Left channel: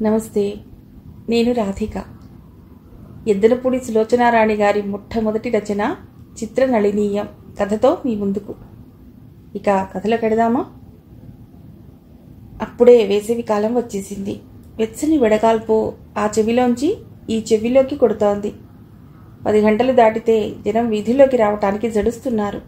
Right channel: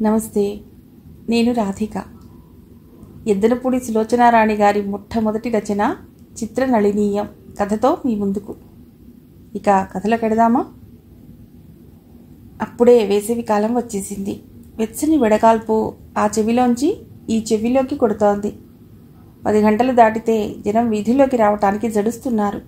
నమస్తే. నేను రాధిక. ఎద్దనపూడి సులోచనారాణి గారి మొట్టమొదటి రచన చిత్రనళినీయం కథతో మీ ముందుకు. ఇక కథలో పెడదామా? అప్పుడే వేసవి కాలం వచ్చేసింది. వెచ్చని వెడగాల్పు ఆ చెవిలోంచి ఈ చెవిలోకి కొడుతోంది. 10 గంటలు దాటితే జనం వీధిలోకి రావటానికి జడుస్తున్నారు.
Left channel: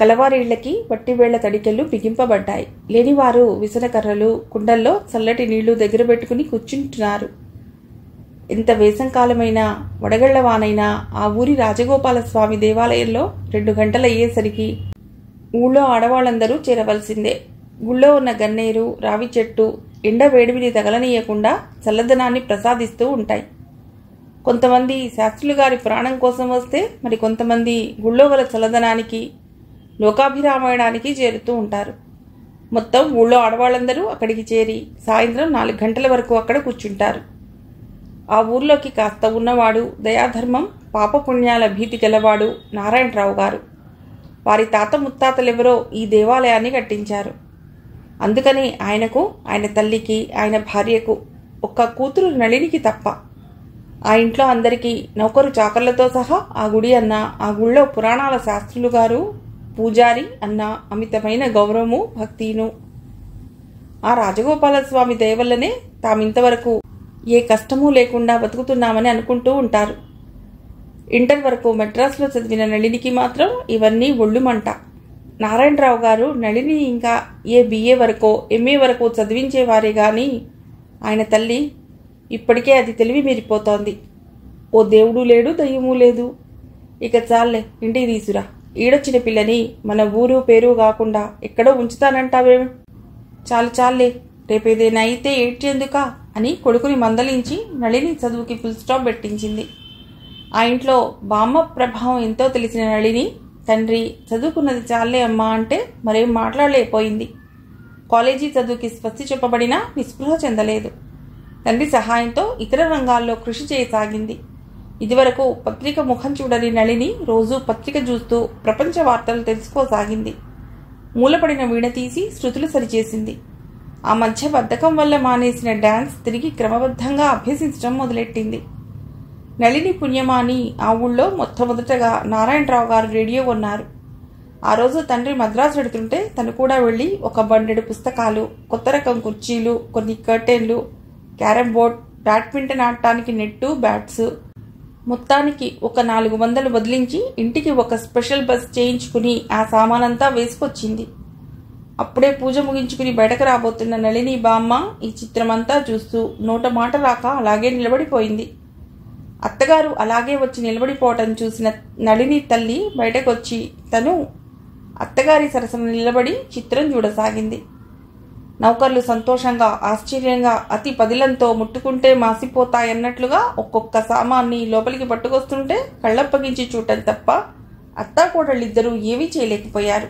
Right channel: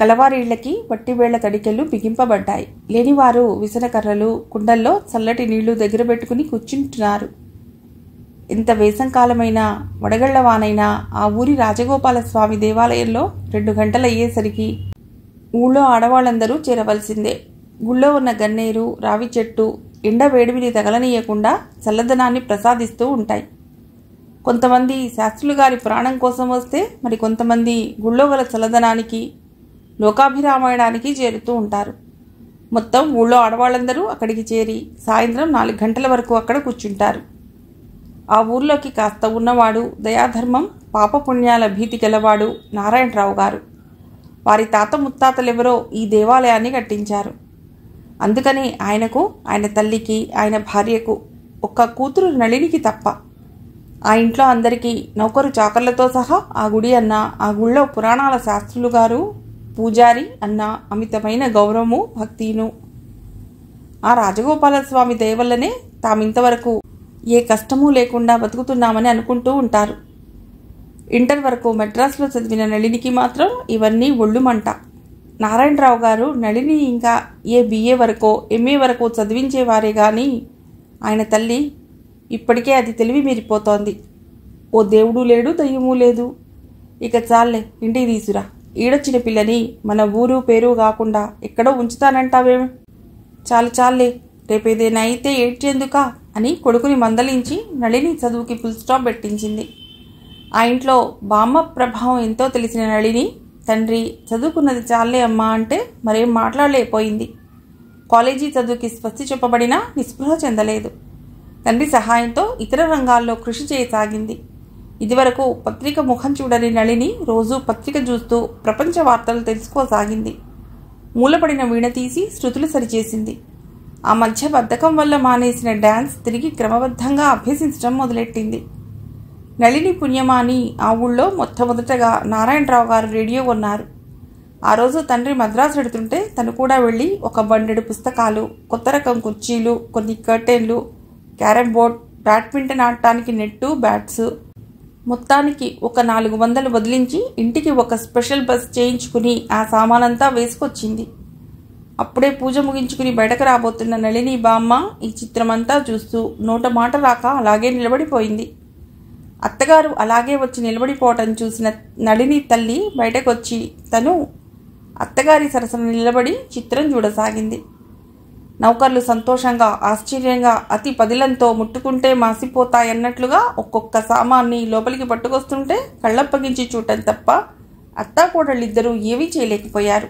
కలవారీళ్లకి వట్టివేళ్ల తడికెళ్ళు బిగింపబడ్డాయి. లేనివారు విసనకర్రలు, కుండల్లో చల్లటి నీళ్లు దగ్గర పెట్టుకుని కూర్చుంటున్నారు. ఎంత వేసంకాలమైనా, వడగళ్లవానైనా ఆ ఊరి రాజగోపాలస్వామి దేవాలయంలో 2 గంటలయ్యేసరికి ఊళ్ళో ఆడవాళ్లందరూ చేరవలసిందే. గుళ్ళో ఉన్న గన్నేరు, రావి చెట్టు ఎండ వేడిమిని తగలనీయకుండా చల్లదనాన్ని ప్రసాదిస్తూ ఉంటాయి. కొంతమంది శాస్త్రులు గారి పురాణం కోసం వస్తే, మరి కొంతమంది గుళ్ళో గల చల్లదనానికి, లోకాభిరామాయణానికి చేరుతూ ఉంటారు. మొత్తం ఊళ్ళో ఆడవాళ్ళందరూ అక్కడికి చేరి సాయంత్రం 4 గంటల వరకు అక్కడ కూర్చుంటారు. ఆ ఊర్లోకి కాస్త ఉన్నవాడు, దయాధర్మం, పాపపుణ్యాల భీతి గలవాడు నారాయణరావు గారు. వారి తాత ముత్తాతలెవరో ఈ దేవాలయాన్ని కట్టించారు. అందుకని ఆయనకు, ఆయన తల్లికి, ఆయన భార్యకు, ఒక్క కూతురు నళినికి తప్ప ఆ ఇంట్లో అందరికీ నౌకరు చాకర్లతో సహా ఆ గుడి అన్న, ఆ గుళ్ళో పురాణాల శాస్త్రులు గారు, పూజారి అన్న అమితమైన గౌరవము, భక్తిను. ఆ రాజగోపాలస్వామి దయవల్లనే తామింతవరకు ఏ కష్టమూ లేకుండా బతుకుతున్నామని అనుకుంటూ ఉంటారు. ఇంటర్ వరకు మెడ్రాస్లో చదివిన నళినికి మాత్రం ఇవన్నీ ఒళ్ళుమంట. నారాయణరావు గారు నళిని ఇంకా ఏ BA వరకో MA వరకో చదివించేవారే గాని ఆయన తల్లి ఇప్పటికే అది తెలివి మీరిపోతోంది. ఓ దేవుడు లేడు, దయ్యమూ లేదు. ఇక చాలే, ఇంటికి తీసురా. ఈడొచ్చిన పిల్లని మన ఊరు పేరు కాకుండా ఎక్కడో ఉంచుతానంటావేం? చాలే, రేపేదైనా అయితే ఏడ్చేందుకా అని కొడుకుని మందలించి నళిని చదువుకి ఫుల్ స్టాప్ పెట్టించింది. ఆ ఇంట్లో బామ్మ ప్రభావం ఎంతో తెలిసిన నళిని తండ్రి చదువుకున్నది చాలే అమ్మా అంటే మరేం మాట్లాడలేకపోయింది. కాలేజీ చదువుకి స్వస్తి చెప్పబడినా నిస్పృహ చెందలేదు. తండ్రి సహాయంతో ఇతర రంగాల్లో కృషి చేయసాగింది. ఇదివరకు పత్రిక ముఖం చూడని నళిని రోజు పత్రిక చూస్తూ ప్రపంచ వార్తలు తెలుసుకోసాగింది. మూలపడిన వీణ తీసి శృతులు సరిచేసింది. ఆ మధ్య బద్ధకం వల్ల మానేసిన డాన్స్ తిరిగి క్రమబద్ధంగా అభ్యసించడం మొదలెట్టింది. నళిని పుణ్యమాని ఆ ఊళ్ళో మొట్టమొదటగా నారాయణరావు గారు రేడియో కొన్నారు. ఆ రోజు తండ్రి మద్రాసు పెడుతుంటే తను కూడా వెళ్లి ఒక బండెడు పుస్తకాలు, కొత్త రకం కుర్చీలు, కొన్ని కర్టెన్లు, క్యారమ్ బోర్డ్, బ్యాడ్మింటన్ ఆడటానికి నెట్టు, బ్యాట్స్, మొత్తానికి ఒక 400 వదిలించి ఇంటికి ఒక స్పెషల్ బస్ చేయించుకుని ఆ సామానంతా వేసుకొచ్చింది. అప్పుడే పూజ ముగించుకుని బయటకు రాబోతున్న నళిని బామ్మ ఈ చిత్రమంతా చూస్తూ నోట మాట రాక అలాగే నిలబడిపోయింది. అత్తగారు అలాగే వచ్చి నిలబడిపోవటం చూసిన నళిని తల్లి బయటకొచ్చి తను అత్తగారి సరసన నిలబడి చిత్రం చూడసాగింది. నౌకర్లు సంతోషంగా, ఆశ్చర్యంగా, అతి పదిలంతో ముట్టుకుంటే మాసిపోతాయన్నట్లుగా ఒక్కొక్క సామాన్ని లోపలికి పట్టుకొస్తుంటే కళ్ళప్పగించి చూడటం తప్ప అత్తాకోడళ్ళిద్దరూ ఏమీ చేయలేకపోయారు.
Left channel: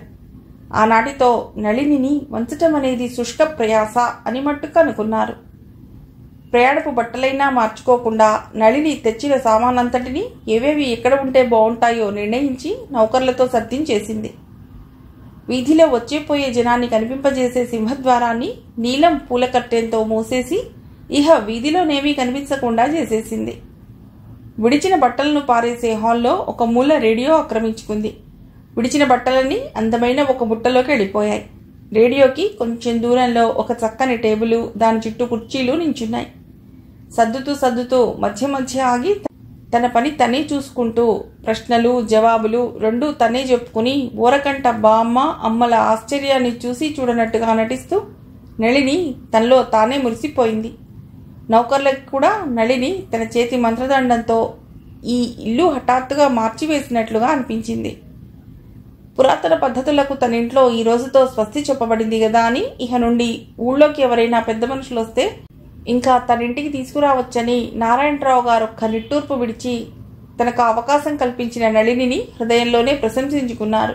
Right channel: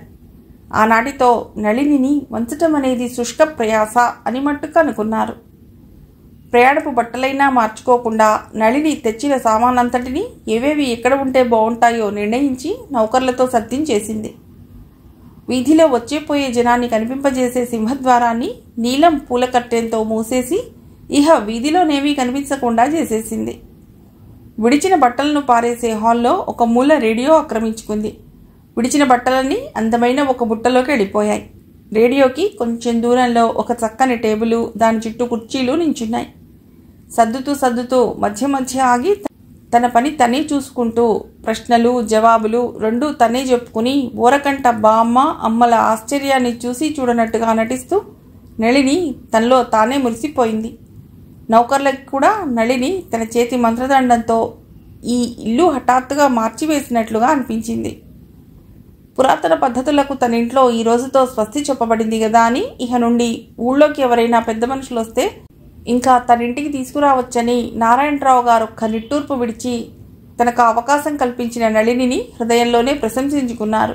ఆనాటితో నళినిని వంచటం అనేది శుష్క ప్రయాస అని మట్టుకు అనుకున్నారు. ప్రయాణపు బట్టలైనా మార్చుకోకుండా నళిని తెచ్చిన సామానంతటినీ ఏవేవి ఎక్కడ ఉంటే బాగుంటాయో నిర్ణయించి నౌకర్లతో సర్దించేసింది. వీధిలో వచ్చేపోయే జనాన్ని కనిపింపజేసే సింహద్వారాన్ని నీలం పూల కట్టెంతో మూసేసి ఇహ వీధిలోనేమీ కనిపించకుండా చేసేసింది. విడిచిన బట్టలను పారేసే హాల్లో ఒక మూల రేడియో ఆక్రమించుకుంది. విడిచిన బట్టలన్నీ అందమైన ఒక బుట్టలోకి వెళ్ళిపోయాయి. రేడియోకి కొంచెం దూరంలో ఒక చక్కని టేబుల్, దాని చుట్టూ కుర్చీలు నించున్నాయి. సర్దుతూ మధ్య ఆగి తన పని తనే చూసుకుంటూ ప్రశ్నలు, జవాబులు రెండూ తనే చెప్పుకుని ఊరకంట బామ్మ, అమ్మల ఆశ్చర్యాన్ని చూసి చూడనట్టుగా నటిస్తూ నళిని తనలో తానే మురిసిపోయింది. నౌకర్లకు కూడా నళిని తన చేతి మంత్రదండంతో ఈ ఇల్లు హఠాత్తుగా మార్చివేసినట్లుగా అనిపించింది. పురాతన పద్ధతులకు తన ఇంట్లో ఈ రోజుతో స్వస్తి చెప్పబడింది కదా అని ఇహ నుండి ఊళ్ళోకి ఎవరైనా పెద్ద మనుషులు వస్తే ఇంకా తన ఇంటికి తీసుకురావచ్చని నారాయణరావు గారు ఒక్క నిట్టూర్పు విడిచి తనకు అవకాశం కల్పించిన నళినిని హృదయంలోనే ప్రశంసించుకున్నారు.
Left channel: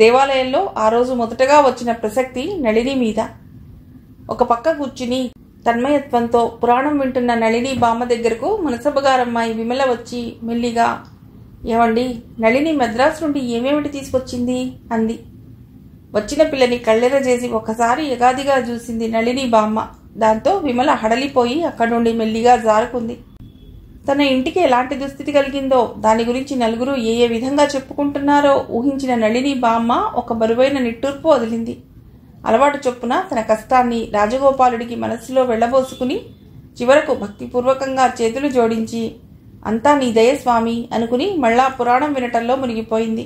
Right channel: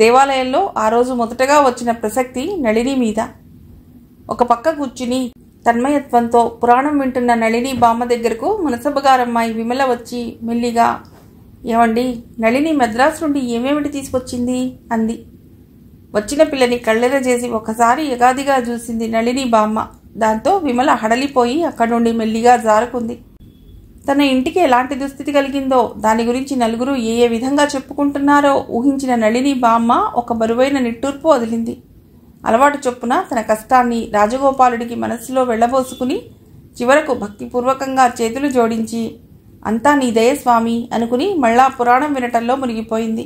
దేవాలయంలో ఆ రోజు మొదటగా వచ్చిన ప్రసక్తి నళిని మీద. ఒక పక్క కూర్చుని తన్మయత్వంతో పురాణం వింటున్న నళిని బామ్మ దగ్గరకు మునసబగారమ్మాయి విమల వచ్చి మెల్లిగా, ఏమండి, నళిని మద్రాసు నుండి ఏమేమిటి తీసుకొచ్చింది అంది. వచ్చిన పిల్లని కళ్ళెర చేసి ఒకసారి యగాదిగా చూసింది నళిని బామ్మ. దాంతో విమల హడలిపోయి అక్కడి నుండి మెల్లిగా జారుకుంది. తన ఇంటికి ఎలాంటి దుస్థితి కలిగిందో, దాని గురించి నలుగురు ఏ ఏ విధంగా చెప్పుకుంటున్నారో ఊహించిన నళిని బామ్మ ఒక బరువైన నిట్టూర్పు వదిలింది. అలవాటు చొప్పున తన కష్టాన్ని రాజగోపాలుడికి మనస్సులో వెళ్లబోసుకుని చివరకు భక్తిపూర్వకంగా చేతులు జోడించి అంతా నీ దయ స్వామి అనుకుని మళ్ళా పురాణం వినటంలో మునిగిపోయింది.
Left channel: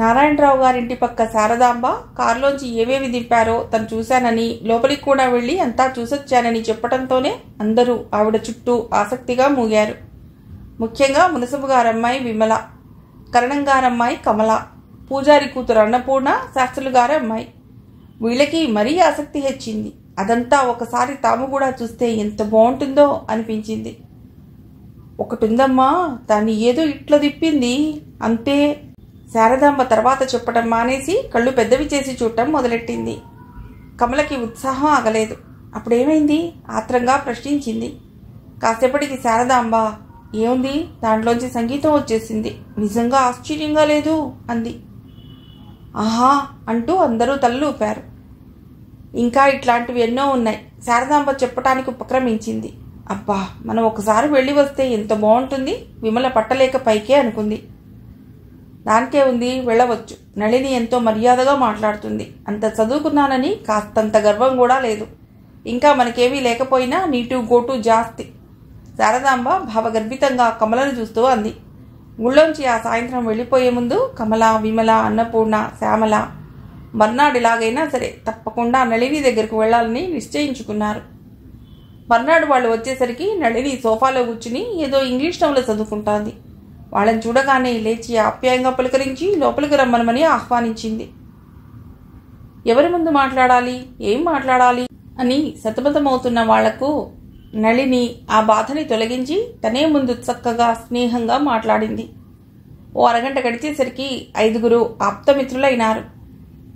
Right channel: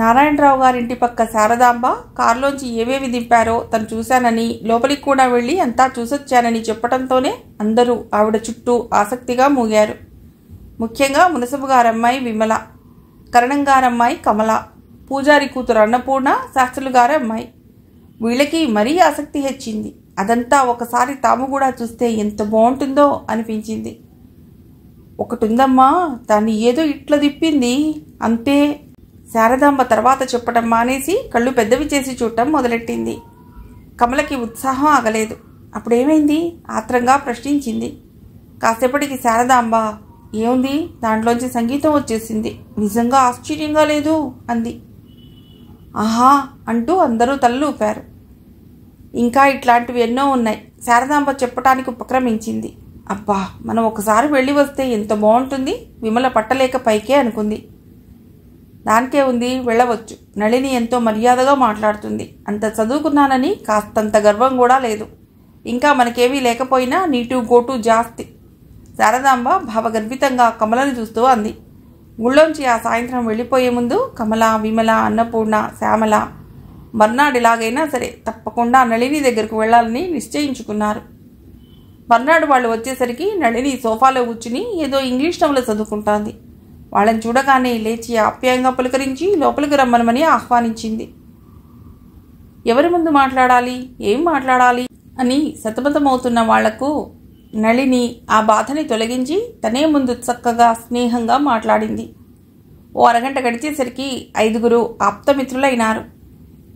నారాయణరావు గారింటి పక్క శారదాంబ కారులోంచి ఏవేవి దింపారో తను చూశానని, లోపలికి కూడా వెళ్లి అంతా చూసొచ్చానని చెప్పటంతోనే అందరూ ఆవిడ చుట్టూ ఆసక్తిగా మూగారు. ముఖ్యంగా మునసబు గారమ్మాయి విమల, కరణం గారమ్మాయి కమల, పూజారి కూతురు అన్నపూర్ణ, శాస్త్రులు గారి అమ్మాయి. వీళ్ళకి మరీ ఆసక్తి హెచ్చింది. అదంతా ఒకసారి తాము కూడా చూస్తే ఎంత బాగుంటుందో అనిపించింది. ఒకటుందమ్మా, దాన్ని ఏదో ఇట్లా తిప్పింది అంతే. శారదాంబ తర్వాత చెప్పటం మానేసి కళ్ళు పెద్దవి చేసి చూడటం మొదలెట్టింది. కమలకి ఉత్సాహం ఆగలేదు. అప్పుడేమైంది ఆత్రంగా ప్రశ్నించింది. కాసేపటికి శారదాంబ, ఏముంది, దాంట్లోంచి సంగీతం వచ్చేసింది, నిజంగా ఆశ్చర్యంగా లేదు అంది. ఆహా అంటూ అందరూ తలలు ఊపారు. ఇంకా ఇట్లాంటివి ఎన్నో ఉన్నాయి, శారదాంబ చెప్పటానికి ఉపక్రమించింది. అబ్బా, మనం ఒకసారి వెళ్ళి వస్తే ఎంత బాగుంటుంది, విమల పట్టలేక పైకే అనుకుంది. దానికే ఉంది, వెళ్ళవచ్చు. నళిని ఎంతో మర్యాదగా మాట్లాడుతుంది. అంత చదువుకున్నానని కాస్తంత గర్వం కూడా లేదు. ఇంకా మనకేమీ లేకపోయినా నీటు గోటు జాస్తి. శారదాంబ భావగర్భితంగా కమలను చూస్తూ అంది. ఊళ్ళోంచి ఆ సాయంత్రం వెళ్ళిపోయే ముందు కమల, విమల, అన్నపూర్ణ, శ్యామల మర్నాడు ఎలాగైనా సరే తప్పకుండా నళిని దగ్గరకు వెళ్లాలని నిశ్చయించుకున్నారు. మర్నాడు వాళ్ళు వచ్చేసరికి నళిని సోఫాలో కూర్చుని ఏదో ఇంగ్లీష్ నవల చదువుకుంటాంది. వాళ్ళని చూడగానే లేచి ఆప్యాయంగా పులకరించి లోపలికి రమ్మనమని ఆహ్వానించింది. ఎవరి ముందు మాట్లాడాలి, ఏం మాట్లాడాలి అని సతమతమవుతున్న వాళ్లకు నళిని ఆ బాధని తొలగించి తనే ముందు చక్కగా స్నేహంగా మాట్లాడింది. ఓ అరగంట గడిచేసరికి 5 ఆప్తమిత్రులైనారు.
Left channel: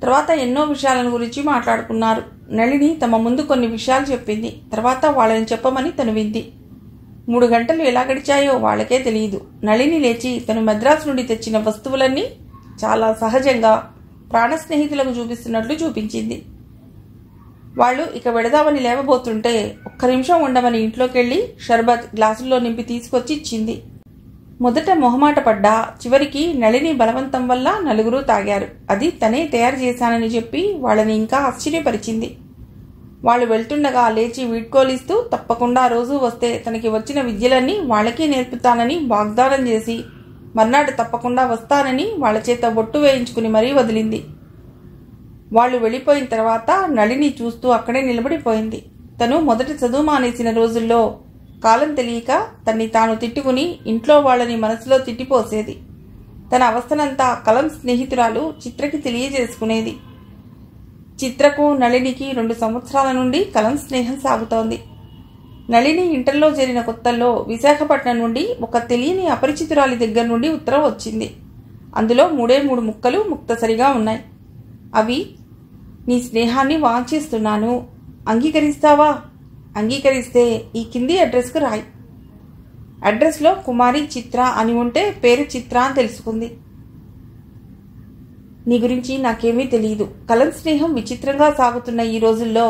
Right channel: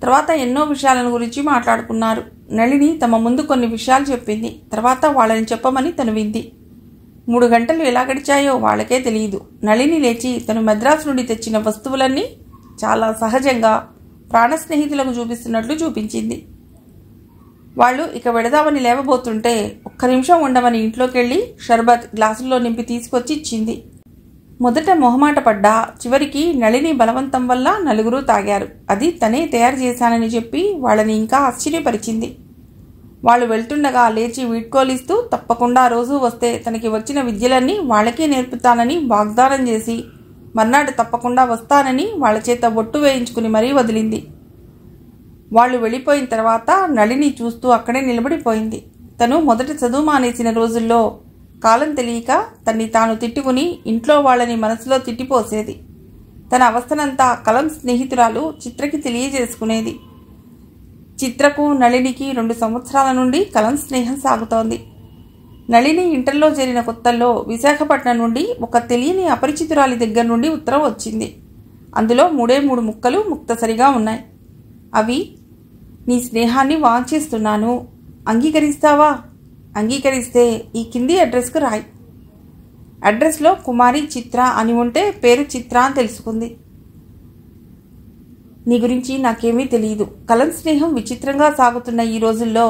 తర్వాత ఎన్నో విషయాలను గురించి మాట్లాడుకున్నారు. నళిని తమ ముందు కొన్ని విషయాలు చెప్పింది. తర్వాత వాళ్ళని చెప్పమని తను వింది. 3 గంటలు ఎలా గడిచాయో వాళ్ళకే తెలియదు. నళిని లేచి తను మద్రాసు నుండి తెచ్చిన వస్తువులన్నీ చాలా సహజంగా ప్రాణ స్నేహితులకు చూపిస్తున్నట్లు చూపించింది. వాళ్ళు ఇక వెడదామని లేవబోతుంటే ఒక్క నిమిషం ఉండమని ఇంట్లోకెళ్లి షర్బత్ గ్లాసుల్లో నింపి తీసుకొచ్చి ఇచ్చింది. మొదట మొహమాట పడ్డా చివరికి నళిని బలవంతం వల్ల 4 తాగారు. అది తనే తయారు చేశానని చెప్పి వాళ్ళని ఇంకా ఆశ్చర్యపరిచింది. వాళ్ళు వెళ్తుండగా లేచి వీడ్కోలిస్తూ తప్పకుండా రోజూ వస్తే తనకి వచ్చిన విద్యలన్నీ వాళ్ళకే నేర్పుతానని వాగ్దానం చేసి మర్నాడు తప్పకుండా వస్తానని వాళ్ళ చేత బొట్టు వేయించుకుని మరీ వదిలింది. వాళ్ళు వెళ్ళిపోయిన తర్వాత నళిని చూస్తూ అక్కడే నిలబడిపోయింది. తను మొదట చదువు మానేసిన రోజుల్లో కాలం తెలియక తన్ని తాను తిట్టుకుని ఇంట్లో వాళ్ళని మనసులో తిట్టిపోసేది. తన అవస్థనంతా కలం స్నేహితురాలు చిత్రకి తెలియజేసుకునేది. చిత్రకు నళినికి 2 సంవత్సరాల నుండి కలం స్నేహం సాగుతోంది. నళిని ఇంటర్లో చేరిన కొత్తల్లో విశాఖపట్నం నుండి ఒక తెలియని అపరిచితురాలి దగ్గర నుండి ఉత్తరం వచ్చింది. అందులో 3 ముక్కలు ముక్తసరిగా ఉన్నాయి. అవి, నీ స్నేహాన్ని వాంఛిస్తున్నాను, అంగీకరిస్తావా? అంగీకరిస్తే ఈ కింది అడ్రస్కు రాయి. అడ్రస్లో కుమారి చిత్ర అని ఉంటే పేరు చిత్ర అని తెలుసుకుంది. నీ గురించి నాకేమీ తెలియదు. కలం స్నేహం విచిత్రంగా సాగుతున్న ఈ రోజుల్లో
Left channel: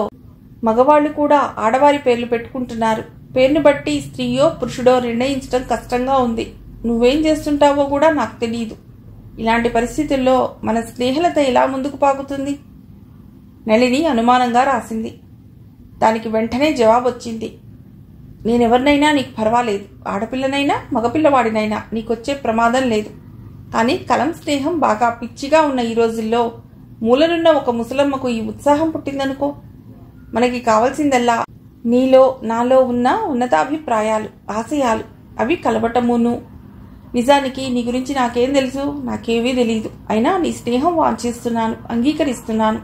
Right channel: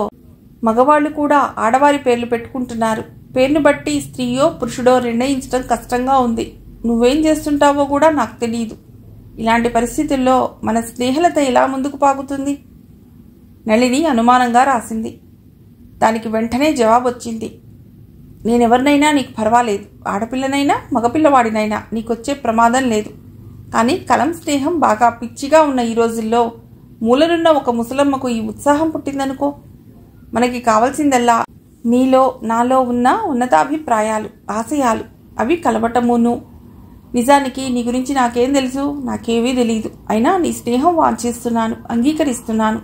మగవాళ్లు కూడా ఆడవారి పేర్లు పెట్టుకుంటున్నారు. పేరును బట్టి స్త్రీయో పురుషుడో నిర్ణయించడం కష్టంగా ఉంది. నువ్వేం చేస్తుంటావో కూడా నాకు తెలియదు. ఇలాంటి పరిస్థితుల్లో మన స్నేహలత ఎలా ముందుకు పాకుతుంది? నళిని అనుమానంగా రాసింది. దానికి వెంటనే జవాబు వచ్చింది. నేనెవరినైనా నీకు పర్వాలేదు. ఆడపిల్లనైనా మగపిల్లవాడినైనా నీకొచ్చే ప్రమాదం లేదు. కానీ కలం స్నేహం బాగా పిచ్చిగా ఉన్న ఈ రోజుల్లో మూలనున్న ఒక ముసలమ్మకు ఈ ఉత్సాహం పుట్టిందనుకో. మనకి కావాల్సిందల్లా నీలో నాలో ఉన్న ఉన్నతాభిప్రాయాలు, ఆశయాలు. అవి కలవటమును. నిజానికి నీ గురించి నాకేం తెలుసు? నాకేమీ తెలియదు. అయినా నీ స్నేహం వాంఛిస్తున్నాను, అంగీకరిస్తున్నాను.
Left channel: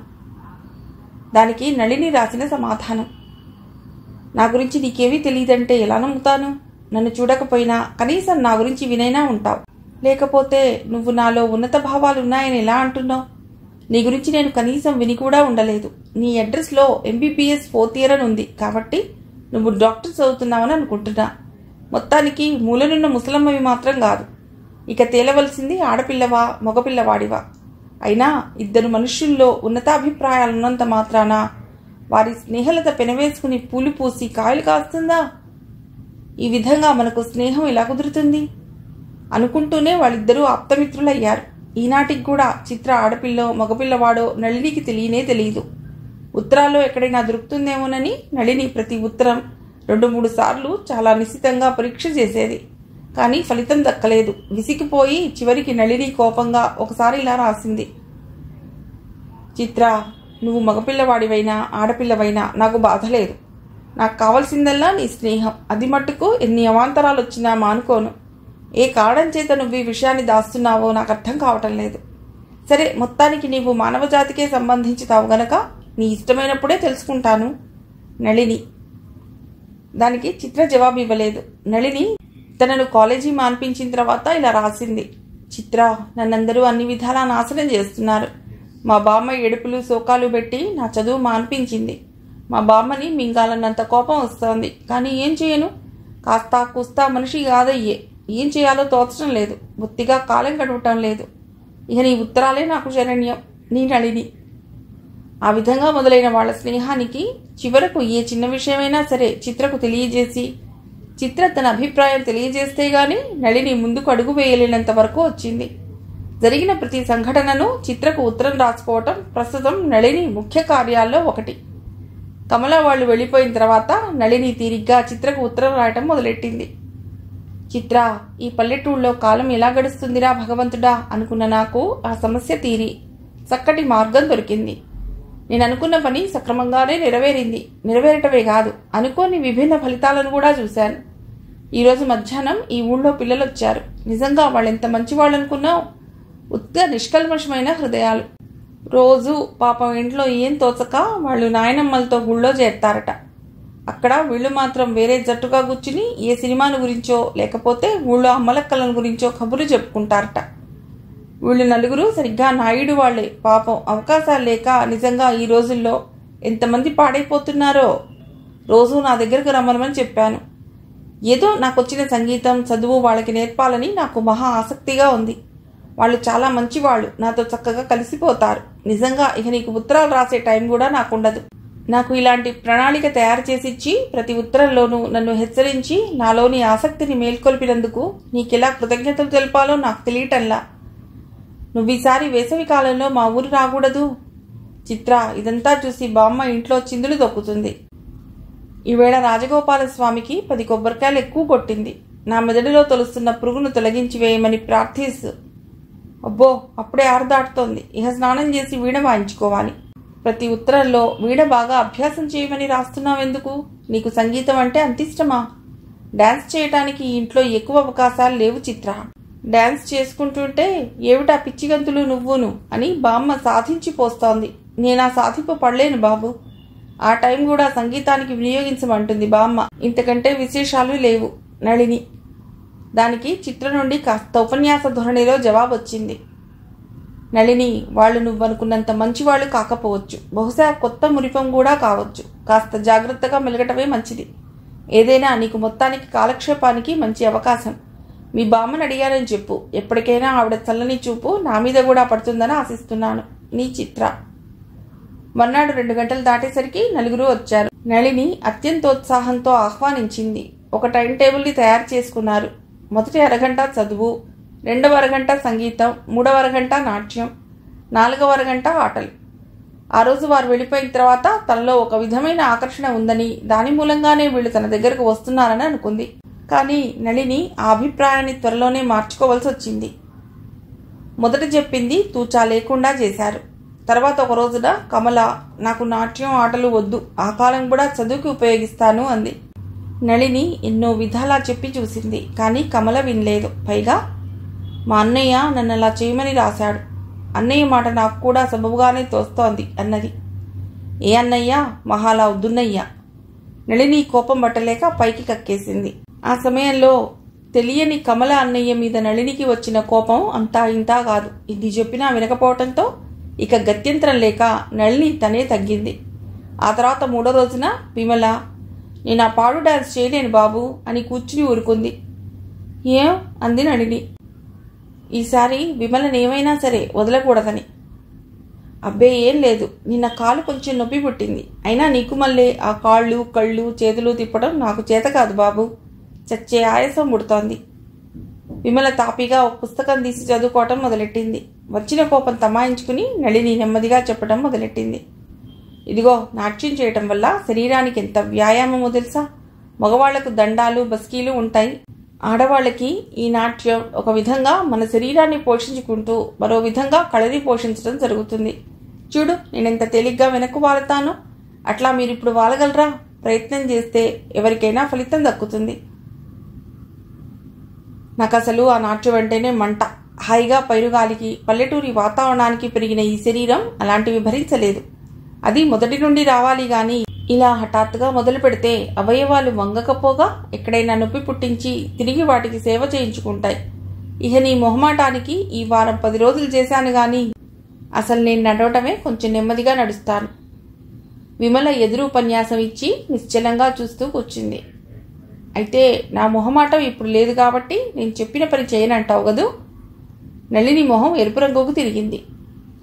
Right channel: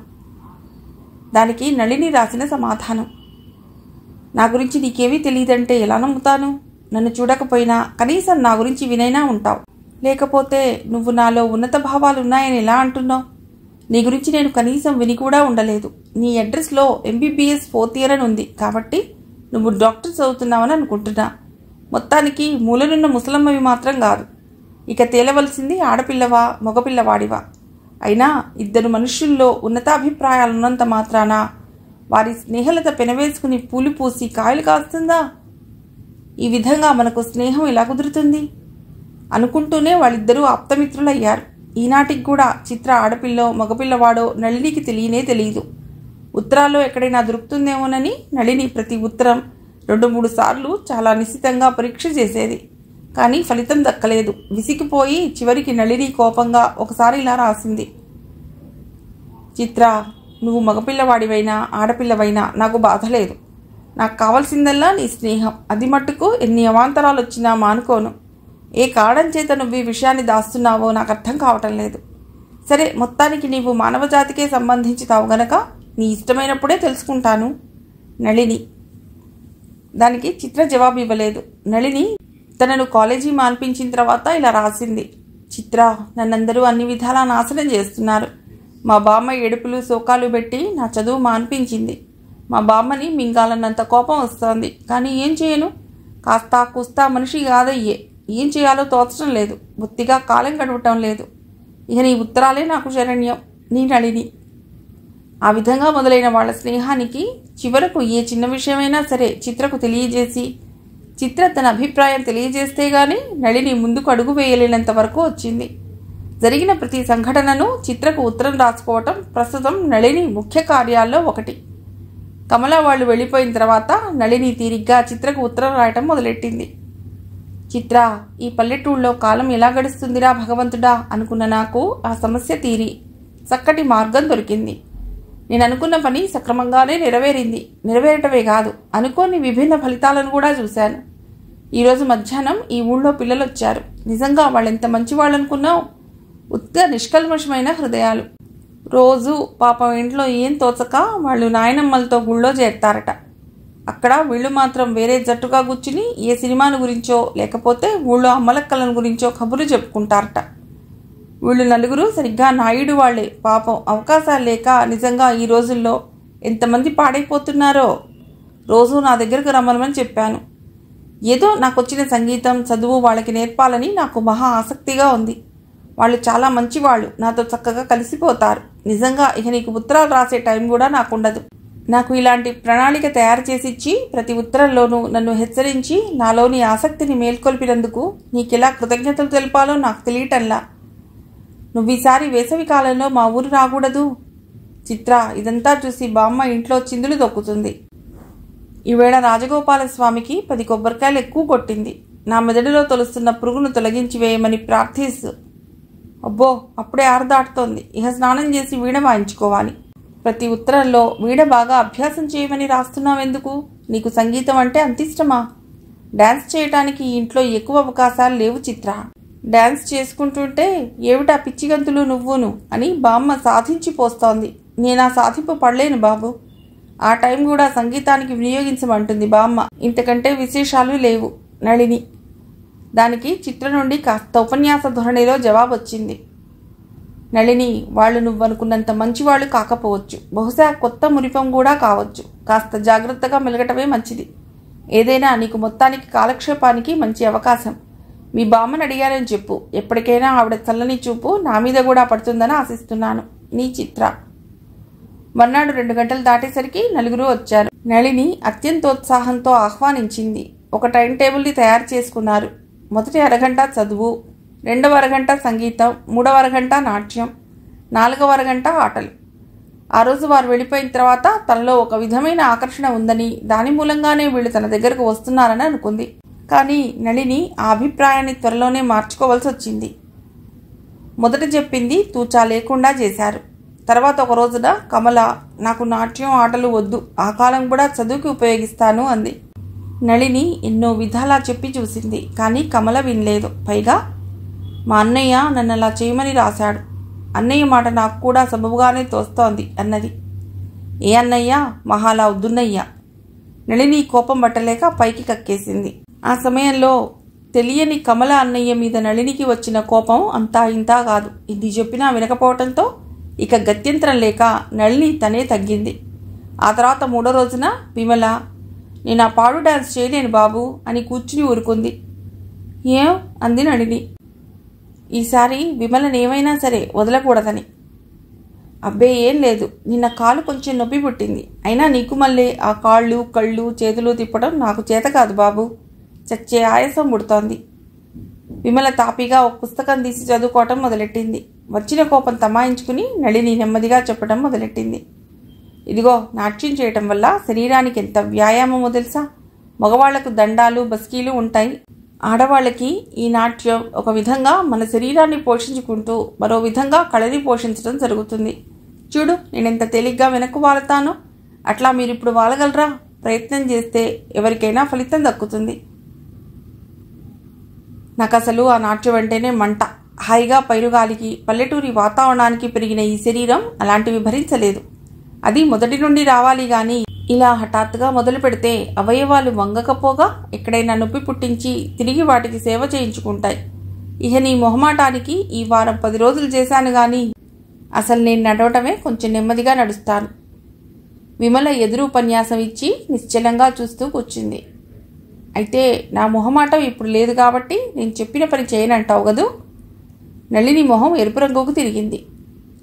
దానికి నళిని రాసిన సమాధానం. నా గురించి నీకేమీ తెలియదంటే ఎలా నమ్ముతాను? నన్ను చూడకపోయినా కనీసం నా గురించి వినైనా ఉంటావు. లేకపోతే నువ్వు నాలో ఉన్నత భావాలున్నాయని ఎలా అంటున్నావు? నీ గురించి నేను కనీసం విని కూడా ఉండలేదు. నీ అడ్రస్లో MBBS 4th year అని ఉంది కాబట్టి నువ్వు డాక్టర్ చదువుతున్నావని అనుకుంటున్నా. మొత్తానికి మూలనున్న ముసలమ్మవి మాత్రం కాదు. ఇక తేలవలసింది ఆడపిల్లవా మగపిల్లవాడివా. అయినా 2 మనుష్యుల్లో ఉన్నతాభిప్రాయాలున్నంత మాత్రాన వారి స్నేహలత పెనవేసుకుని పూలు పూసి కాయలు కాస్తుందా? ఈ విధంగా మనకు స్నేహం ఎలా కుదురుతుంది? అనుకుంటూనే వాళ్ళిద్దరూ ఆప్తమిత్రులయ్యారు. ఈనాటికి కూడా చిత్ర ఆడపిల్లో మగపిల్లవాడో నళినికి తెలియదు. ఉత్తరాల్లో ఎక్కడైనా దొరుకుతుందేమోనని నళిని ప్రతి ఉత్తరం 2-3 సార్లు చాలా నిశితంగా పరీక్ష చేసేది. కానీ ఫలితం దక్కలేదు. విసిగిపోయి చివరికి నళిని కోపంగా ఒకసారి ఇలా రాసింది: చిత్ర, నువ్వు మగపిల్లవాడివైనా ఆడపిల్లవైనా నాకు బాధ లేదు. నాకు కావలసిందల్లా నీ స్నేహం. అది మట్టుకు ఎన్ని అవాంతరాలు వచ్చినా మానుకోను. ఏ కారణం చేత నువ్వు ఈ విషయాన్ని దాస్తున్నావో నాకు అర్థం కావటం లేదు. సరే, మొత్తానికి నీవు మానవజాతికే సంబంధించుతావు గనక నీ ఇష్టమైనప్పుడే తెలుసుకుంటాను. నళిని. దానికి చిత్ర జవాబు ఇవ్వలేదు. నళిని తనను కాలేజీ మాన్పించిన తర్వాత ఇలా రాసింది: చిత్ర, నన్నందరూ అన్ని విధాలా నాశనం చేస్తున్నారు. మా బామ్మ ఏడుపులు శోకాలు పెట్టి నా చదువు మాన్పించింది. మా బామ్మని మింగాలన్నంత కోపం వస్తోంది. కానీ ఏం చేయను? కాస్తా కుస్తా మనిషి కాదయ్యే. ఏం చేయాలో తోచడం లేదు. బొత్తిగా కాలం గడవటం లేదు. ఇక నీ ఉత్తరాలే నాకు శరణ్యం. నీ నళిని. ఆ విధంగా మొదలైన వాళ్ళ స్నేహానికి చివరకు ఏ చిన్న విషయమైనా సరే చిత్రకు తెలియజేసి చిత్ర తన అభిప్రాయం తెలియజేస్తే గాని నళిని ముందుకు అడుగు వేయలేనంత వరకు వచ్చింది. జరిగిన ప్రతి సంఘటనను చిత్రకు ఉత్తరం రాసుకోవటం ప్రస్తుతం నళిని ముఖ్య కార్యాల్లో ఒకటి. కమల వాళ్ళు వెళ్లిపోయిన తర్వాత నళిని తీరిగ్గా చిత్రకు ఉత్తరం రాయటం మొదలెట్టింది. చిత్ర, ఈ పల్లెటూళ్ళలో కాలం ఎలా గడుస్తుందిరా భగవంతుడా అనుకున్న నాకు ఆ సమస్య తీరి చక్కటి మార్గం దొరికింది. నేను అనుకున్న పని సక్రమంగానే నెరవేరటమే కాదు, అనుకోని విభిన్న ఫలితాలను కూడా చూశాను. ఈరోజు మధ్యాహ్నం ఈ ఊళ్ళో పిల్లలు వచ్చారు. నిజంగా వాళ్ళెంత మంచి వాళ్ళు అనుకున్నావు. ఉత్త నిష్కల్మషమైన హృదయాలు. రోజు పాపం ఇంట్లో ఏం తోచక వాళ్ళు నాయనమ్మలతో గుళ్ళో చేరతారట. అక్కడ వీళ్ళు మాత్రం వేరే జట్టుగా కూర్చుని ఏ సినిమాను గురించో లేకపోతే ఊళ్ళో అమ్మలక్కలను గురించో కబుర్లు చెప్పుకుంటారట. వీళ్ళు నలుగురు సరిగ్గా నాయుడు వాళ్లే. పాపం అవకాశాలు లేక నిజంగా ఈ రోజుల్లో ఎంతమంది పాడైపోతున్నారో. రోజు నా దగ్గరకు రమ్మనమని చెప్పాను. ఏదో నాకొచ్చిన సంగీతం చదువు వాళ్ళకి నేర్పాలని నాకు మహా ఆసక్తిగా ఉంది. వాళ్ళు చాలా మంచివాళ్ళు. నాతో చక్కగా కలిసిపోతారు. నిజంగా ఇక నీకు ఉత్తరాలు రాసే టైం కూడా నాకుండదు. నాకు ఇలాంటి ప్రణాళిక తయారు చేసిచ్చి ప్రతి ఉత్తరంలోనూ నన్ను హెచ్చరించి నాలోని ఆసక్తిని మేల్కొల్పినందుకు నీకెలా కృతజ్ఞతలు తెలపాలో నాకు తెలియటంలా. నువ్వీసారి వేసవి కాలంలో మా ఊరు రాకూడదు? చిత్ర, ఇదంతా చూసి బామ్మ ఇంట్లో చిందులు తొక్కుతుంది. ఈవేళ రాజగోపాలస్వామికి 10 కొబ్బరికాయలు ఎక్కువ కొట్టింది. నా మెదడులో తొలుస్తున్న పురుగును తొలగించి వేయమని ప్రార్థిస్తూ. అబ్బో, అప్పుడే 6 దాటుతోంది. ఇహ స్నానం చేసి వీణ వాయించుకోవాలి. ప్రతి ఉత్తరంలో వీణ బాగా అభ్యాసం చేయమని రాస్తున్నావెందుకు? నీకు సంగీతం అంటే అంత ఇష్టమా? డాన్స్ చేయటానికి ఈ ఇంట్లో ఎక్కువ అవకాశాలు లేవు చిత్ర. డాన్స్ చేసుకుంటుంటే ఏమిటా పిచ్చిగంతులు నువ్వును అని బామ్మ సాధించి పోస్తోంది. నేనా సాధింపు పడలేను బాబు. ఆ టైం కూడా సంగీతానికి వినియోగించమంటుంది బామ్మ. ఇంతకంటే విశేషాలు లేవు. నళిని. దానికి చిత్ర నుండి కాస్త ఉపన్యాస ధోరణిలో జవాబు వచ్చింది. నళిని, వాళ్ళు నువ్వనుకున్నంత మంచివాళ్లు కాకపోవచ్చు. బహుశా కొత్త మురిపం కూడా కావచ్చు. కాస్త జాగ్రత్తగా మెలగటమే మంచిది. ఏదైనా నీకు మొత్తానికి కాలక్షేపానికి మంచి అవకాశం. మీ బామ్మని అడిగానని చెప్పు. ఎప్పటికైనా ఆవిడ చల్లని చూపు నా మీద కూడా పడుతుందని ఆశిస్తున్నాను. నీ చిత్ర. మర్నాడు 2 గంటలు దాటేసరికి నలుగురు వచ్చారు. నళిని అత్యంతోత్సాహంతో ఆహ్వానించింది. ఒక టైం టేబుల్ని తయారు చేసుకున్నారు. మొదటి అరగంట చదువు, 2వ అరగంట సంగీతం, 3వ అరగంట నాట్యం, 4వ అరగంట ఆటలు. ఆ రోజు వారు వెళ్ళిపోయిన తర్వాత తనలో ఒక విధమైన ఆకర్షణ ఉందని, దాని మూలంగానే వీళ్ళు తన దగ్గరకు వస్తున్నారని అనుకుంది. కానీ నళిని ఆ అభిప్రాయాన్ని త్వరలోనే మార్చుకోవాల్సి వచ్చింది. మొదట చెప్పింది తూచా లేకుండా చేశారు. తర్వాత ఒక రోజున కమల, నాకు నాట్యం ఆటలు వద్దు, ఆ కాలం కూడా చదువుకి ఉపయోగిస్తాను అంది. నళిని ఎన్నో విధాలా చెప్పి చూసింది. కానీ కమల వినలేదు. పైగా మా అన్నయ్య నన్ను అలా చేయమని రాశాడు. అన్నయ్య మాట నాకు కూడా సబబుగానే తోస్తోంది అన్నది. ఏ అన్నయ్య? మహాలా వద్దున్నయ్య. నళిని కోపం పట్టలేక పైకి కక్కేసింది. ఆ సమయంలో తెలియని కమల అన్నయ్య మీద నళినికి వచ్చిన కోపం అంతా ఇంతా కాదు. ఇది చెప్పినా వినకపోవటంతో ఇక గత్యంతరం లేక నళిని తనే తగ్గింది. ఆ తర్వాత 3వ రోజున విమల, నేను ఆ పాడు డాన్స్ చేయలేను బాబు అని కూర్చుని ఊరుకుంది. ఏం అంది నళిని. ఈసారి విమలనేమైనా సరే వదలకూడదని. అబ్బే ఏం లేదు, నిన్న కాలు కొంచెం నొప్పి పుట్టింది. అయినా నీకు మళ్ళీ ఆ కాళ్ళు కళ్ళు చేతులు తిప్పడం నాకు చేత కాదు బాబు. చచ్చే ఆయాసం పుడుతోంది. విమల తాపీగా ఒక పుస్తకం తీసి చదువుకోవటం మొదలెట్టింది. వచ్చిన కోపం తమాయించుకుని నళిని నెమ్మదిగా చెప్పడం మొదలెట్టింది. ఇదిగో, నాట్యం చేయటం వల్ల శరీరానికి ఎంత వ్యాయామమో తెలుసా? మగవాళ్లకు దండాలు బస్కీలు ఉంటాయి. ఆడవాళ్ళకి ఈ నాట్యం ఒక విధంగా మన శరీరాన్ని పోషించుకుంటూ మరో విధంగా కళని పోషించడం జరుగుతుంది. చూడు, నేనెంత తేలిగ్గా వెనక్కు వాలతానో. అట్లా మీరిప్పుడు వాలగలరా? ప్రయత్నం చేస్తే ఎవరికైనా ఫలితం దక్కుతుంది. నాకు అసలు ఆ నాట్యం అంటేనే మంట. హాయిగా పైరుగాలికి పల్లెటూరి వాతావరణానికి పెరిగిన ఈ శరీరం అలాంటివి భరించలేదు. అది మొదటి నుండి రావాలి గాని ఇలా హఠాత్తుగా మొదలు పెడితే అవయవాలు వంగకపోగా ఎక్కడైనా నొప్పి పుట్టించి తిరిగి వాటికి సేవ చేయించుకుంటాయి. ఇహ నీ మొహమాటానికి ఈ వారం 10 రోజులు చేశాను గాని అసలు నేను నడవటమే కొంచెం నెమ్మదిగా నడుస్తాను. విమల ఎదురు ఉపన్యాసం ఇచ్చి నిశ్చలంగా చూస్తూ కూర్చుంది. అయితే నా మొహమాటం ఇప్పుడు లేదు కాబట్టి నేను చెప్పిన పని చేయనంటావు గదు? నళిని మొహం ఎరుపు రంగుకు తిరిగింది.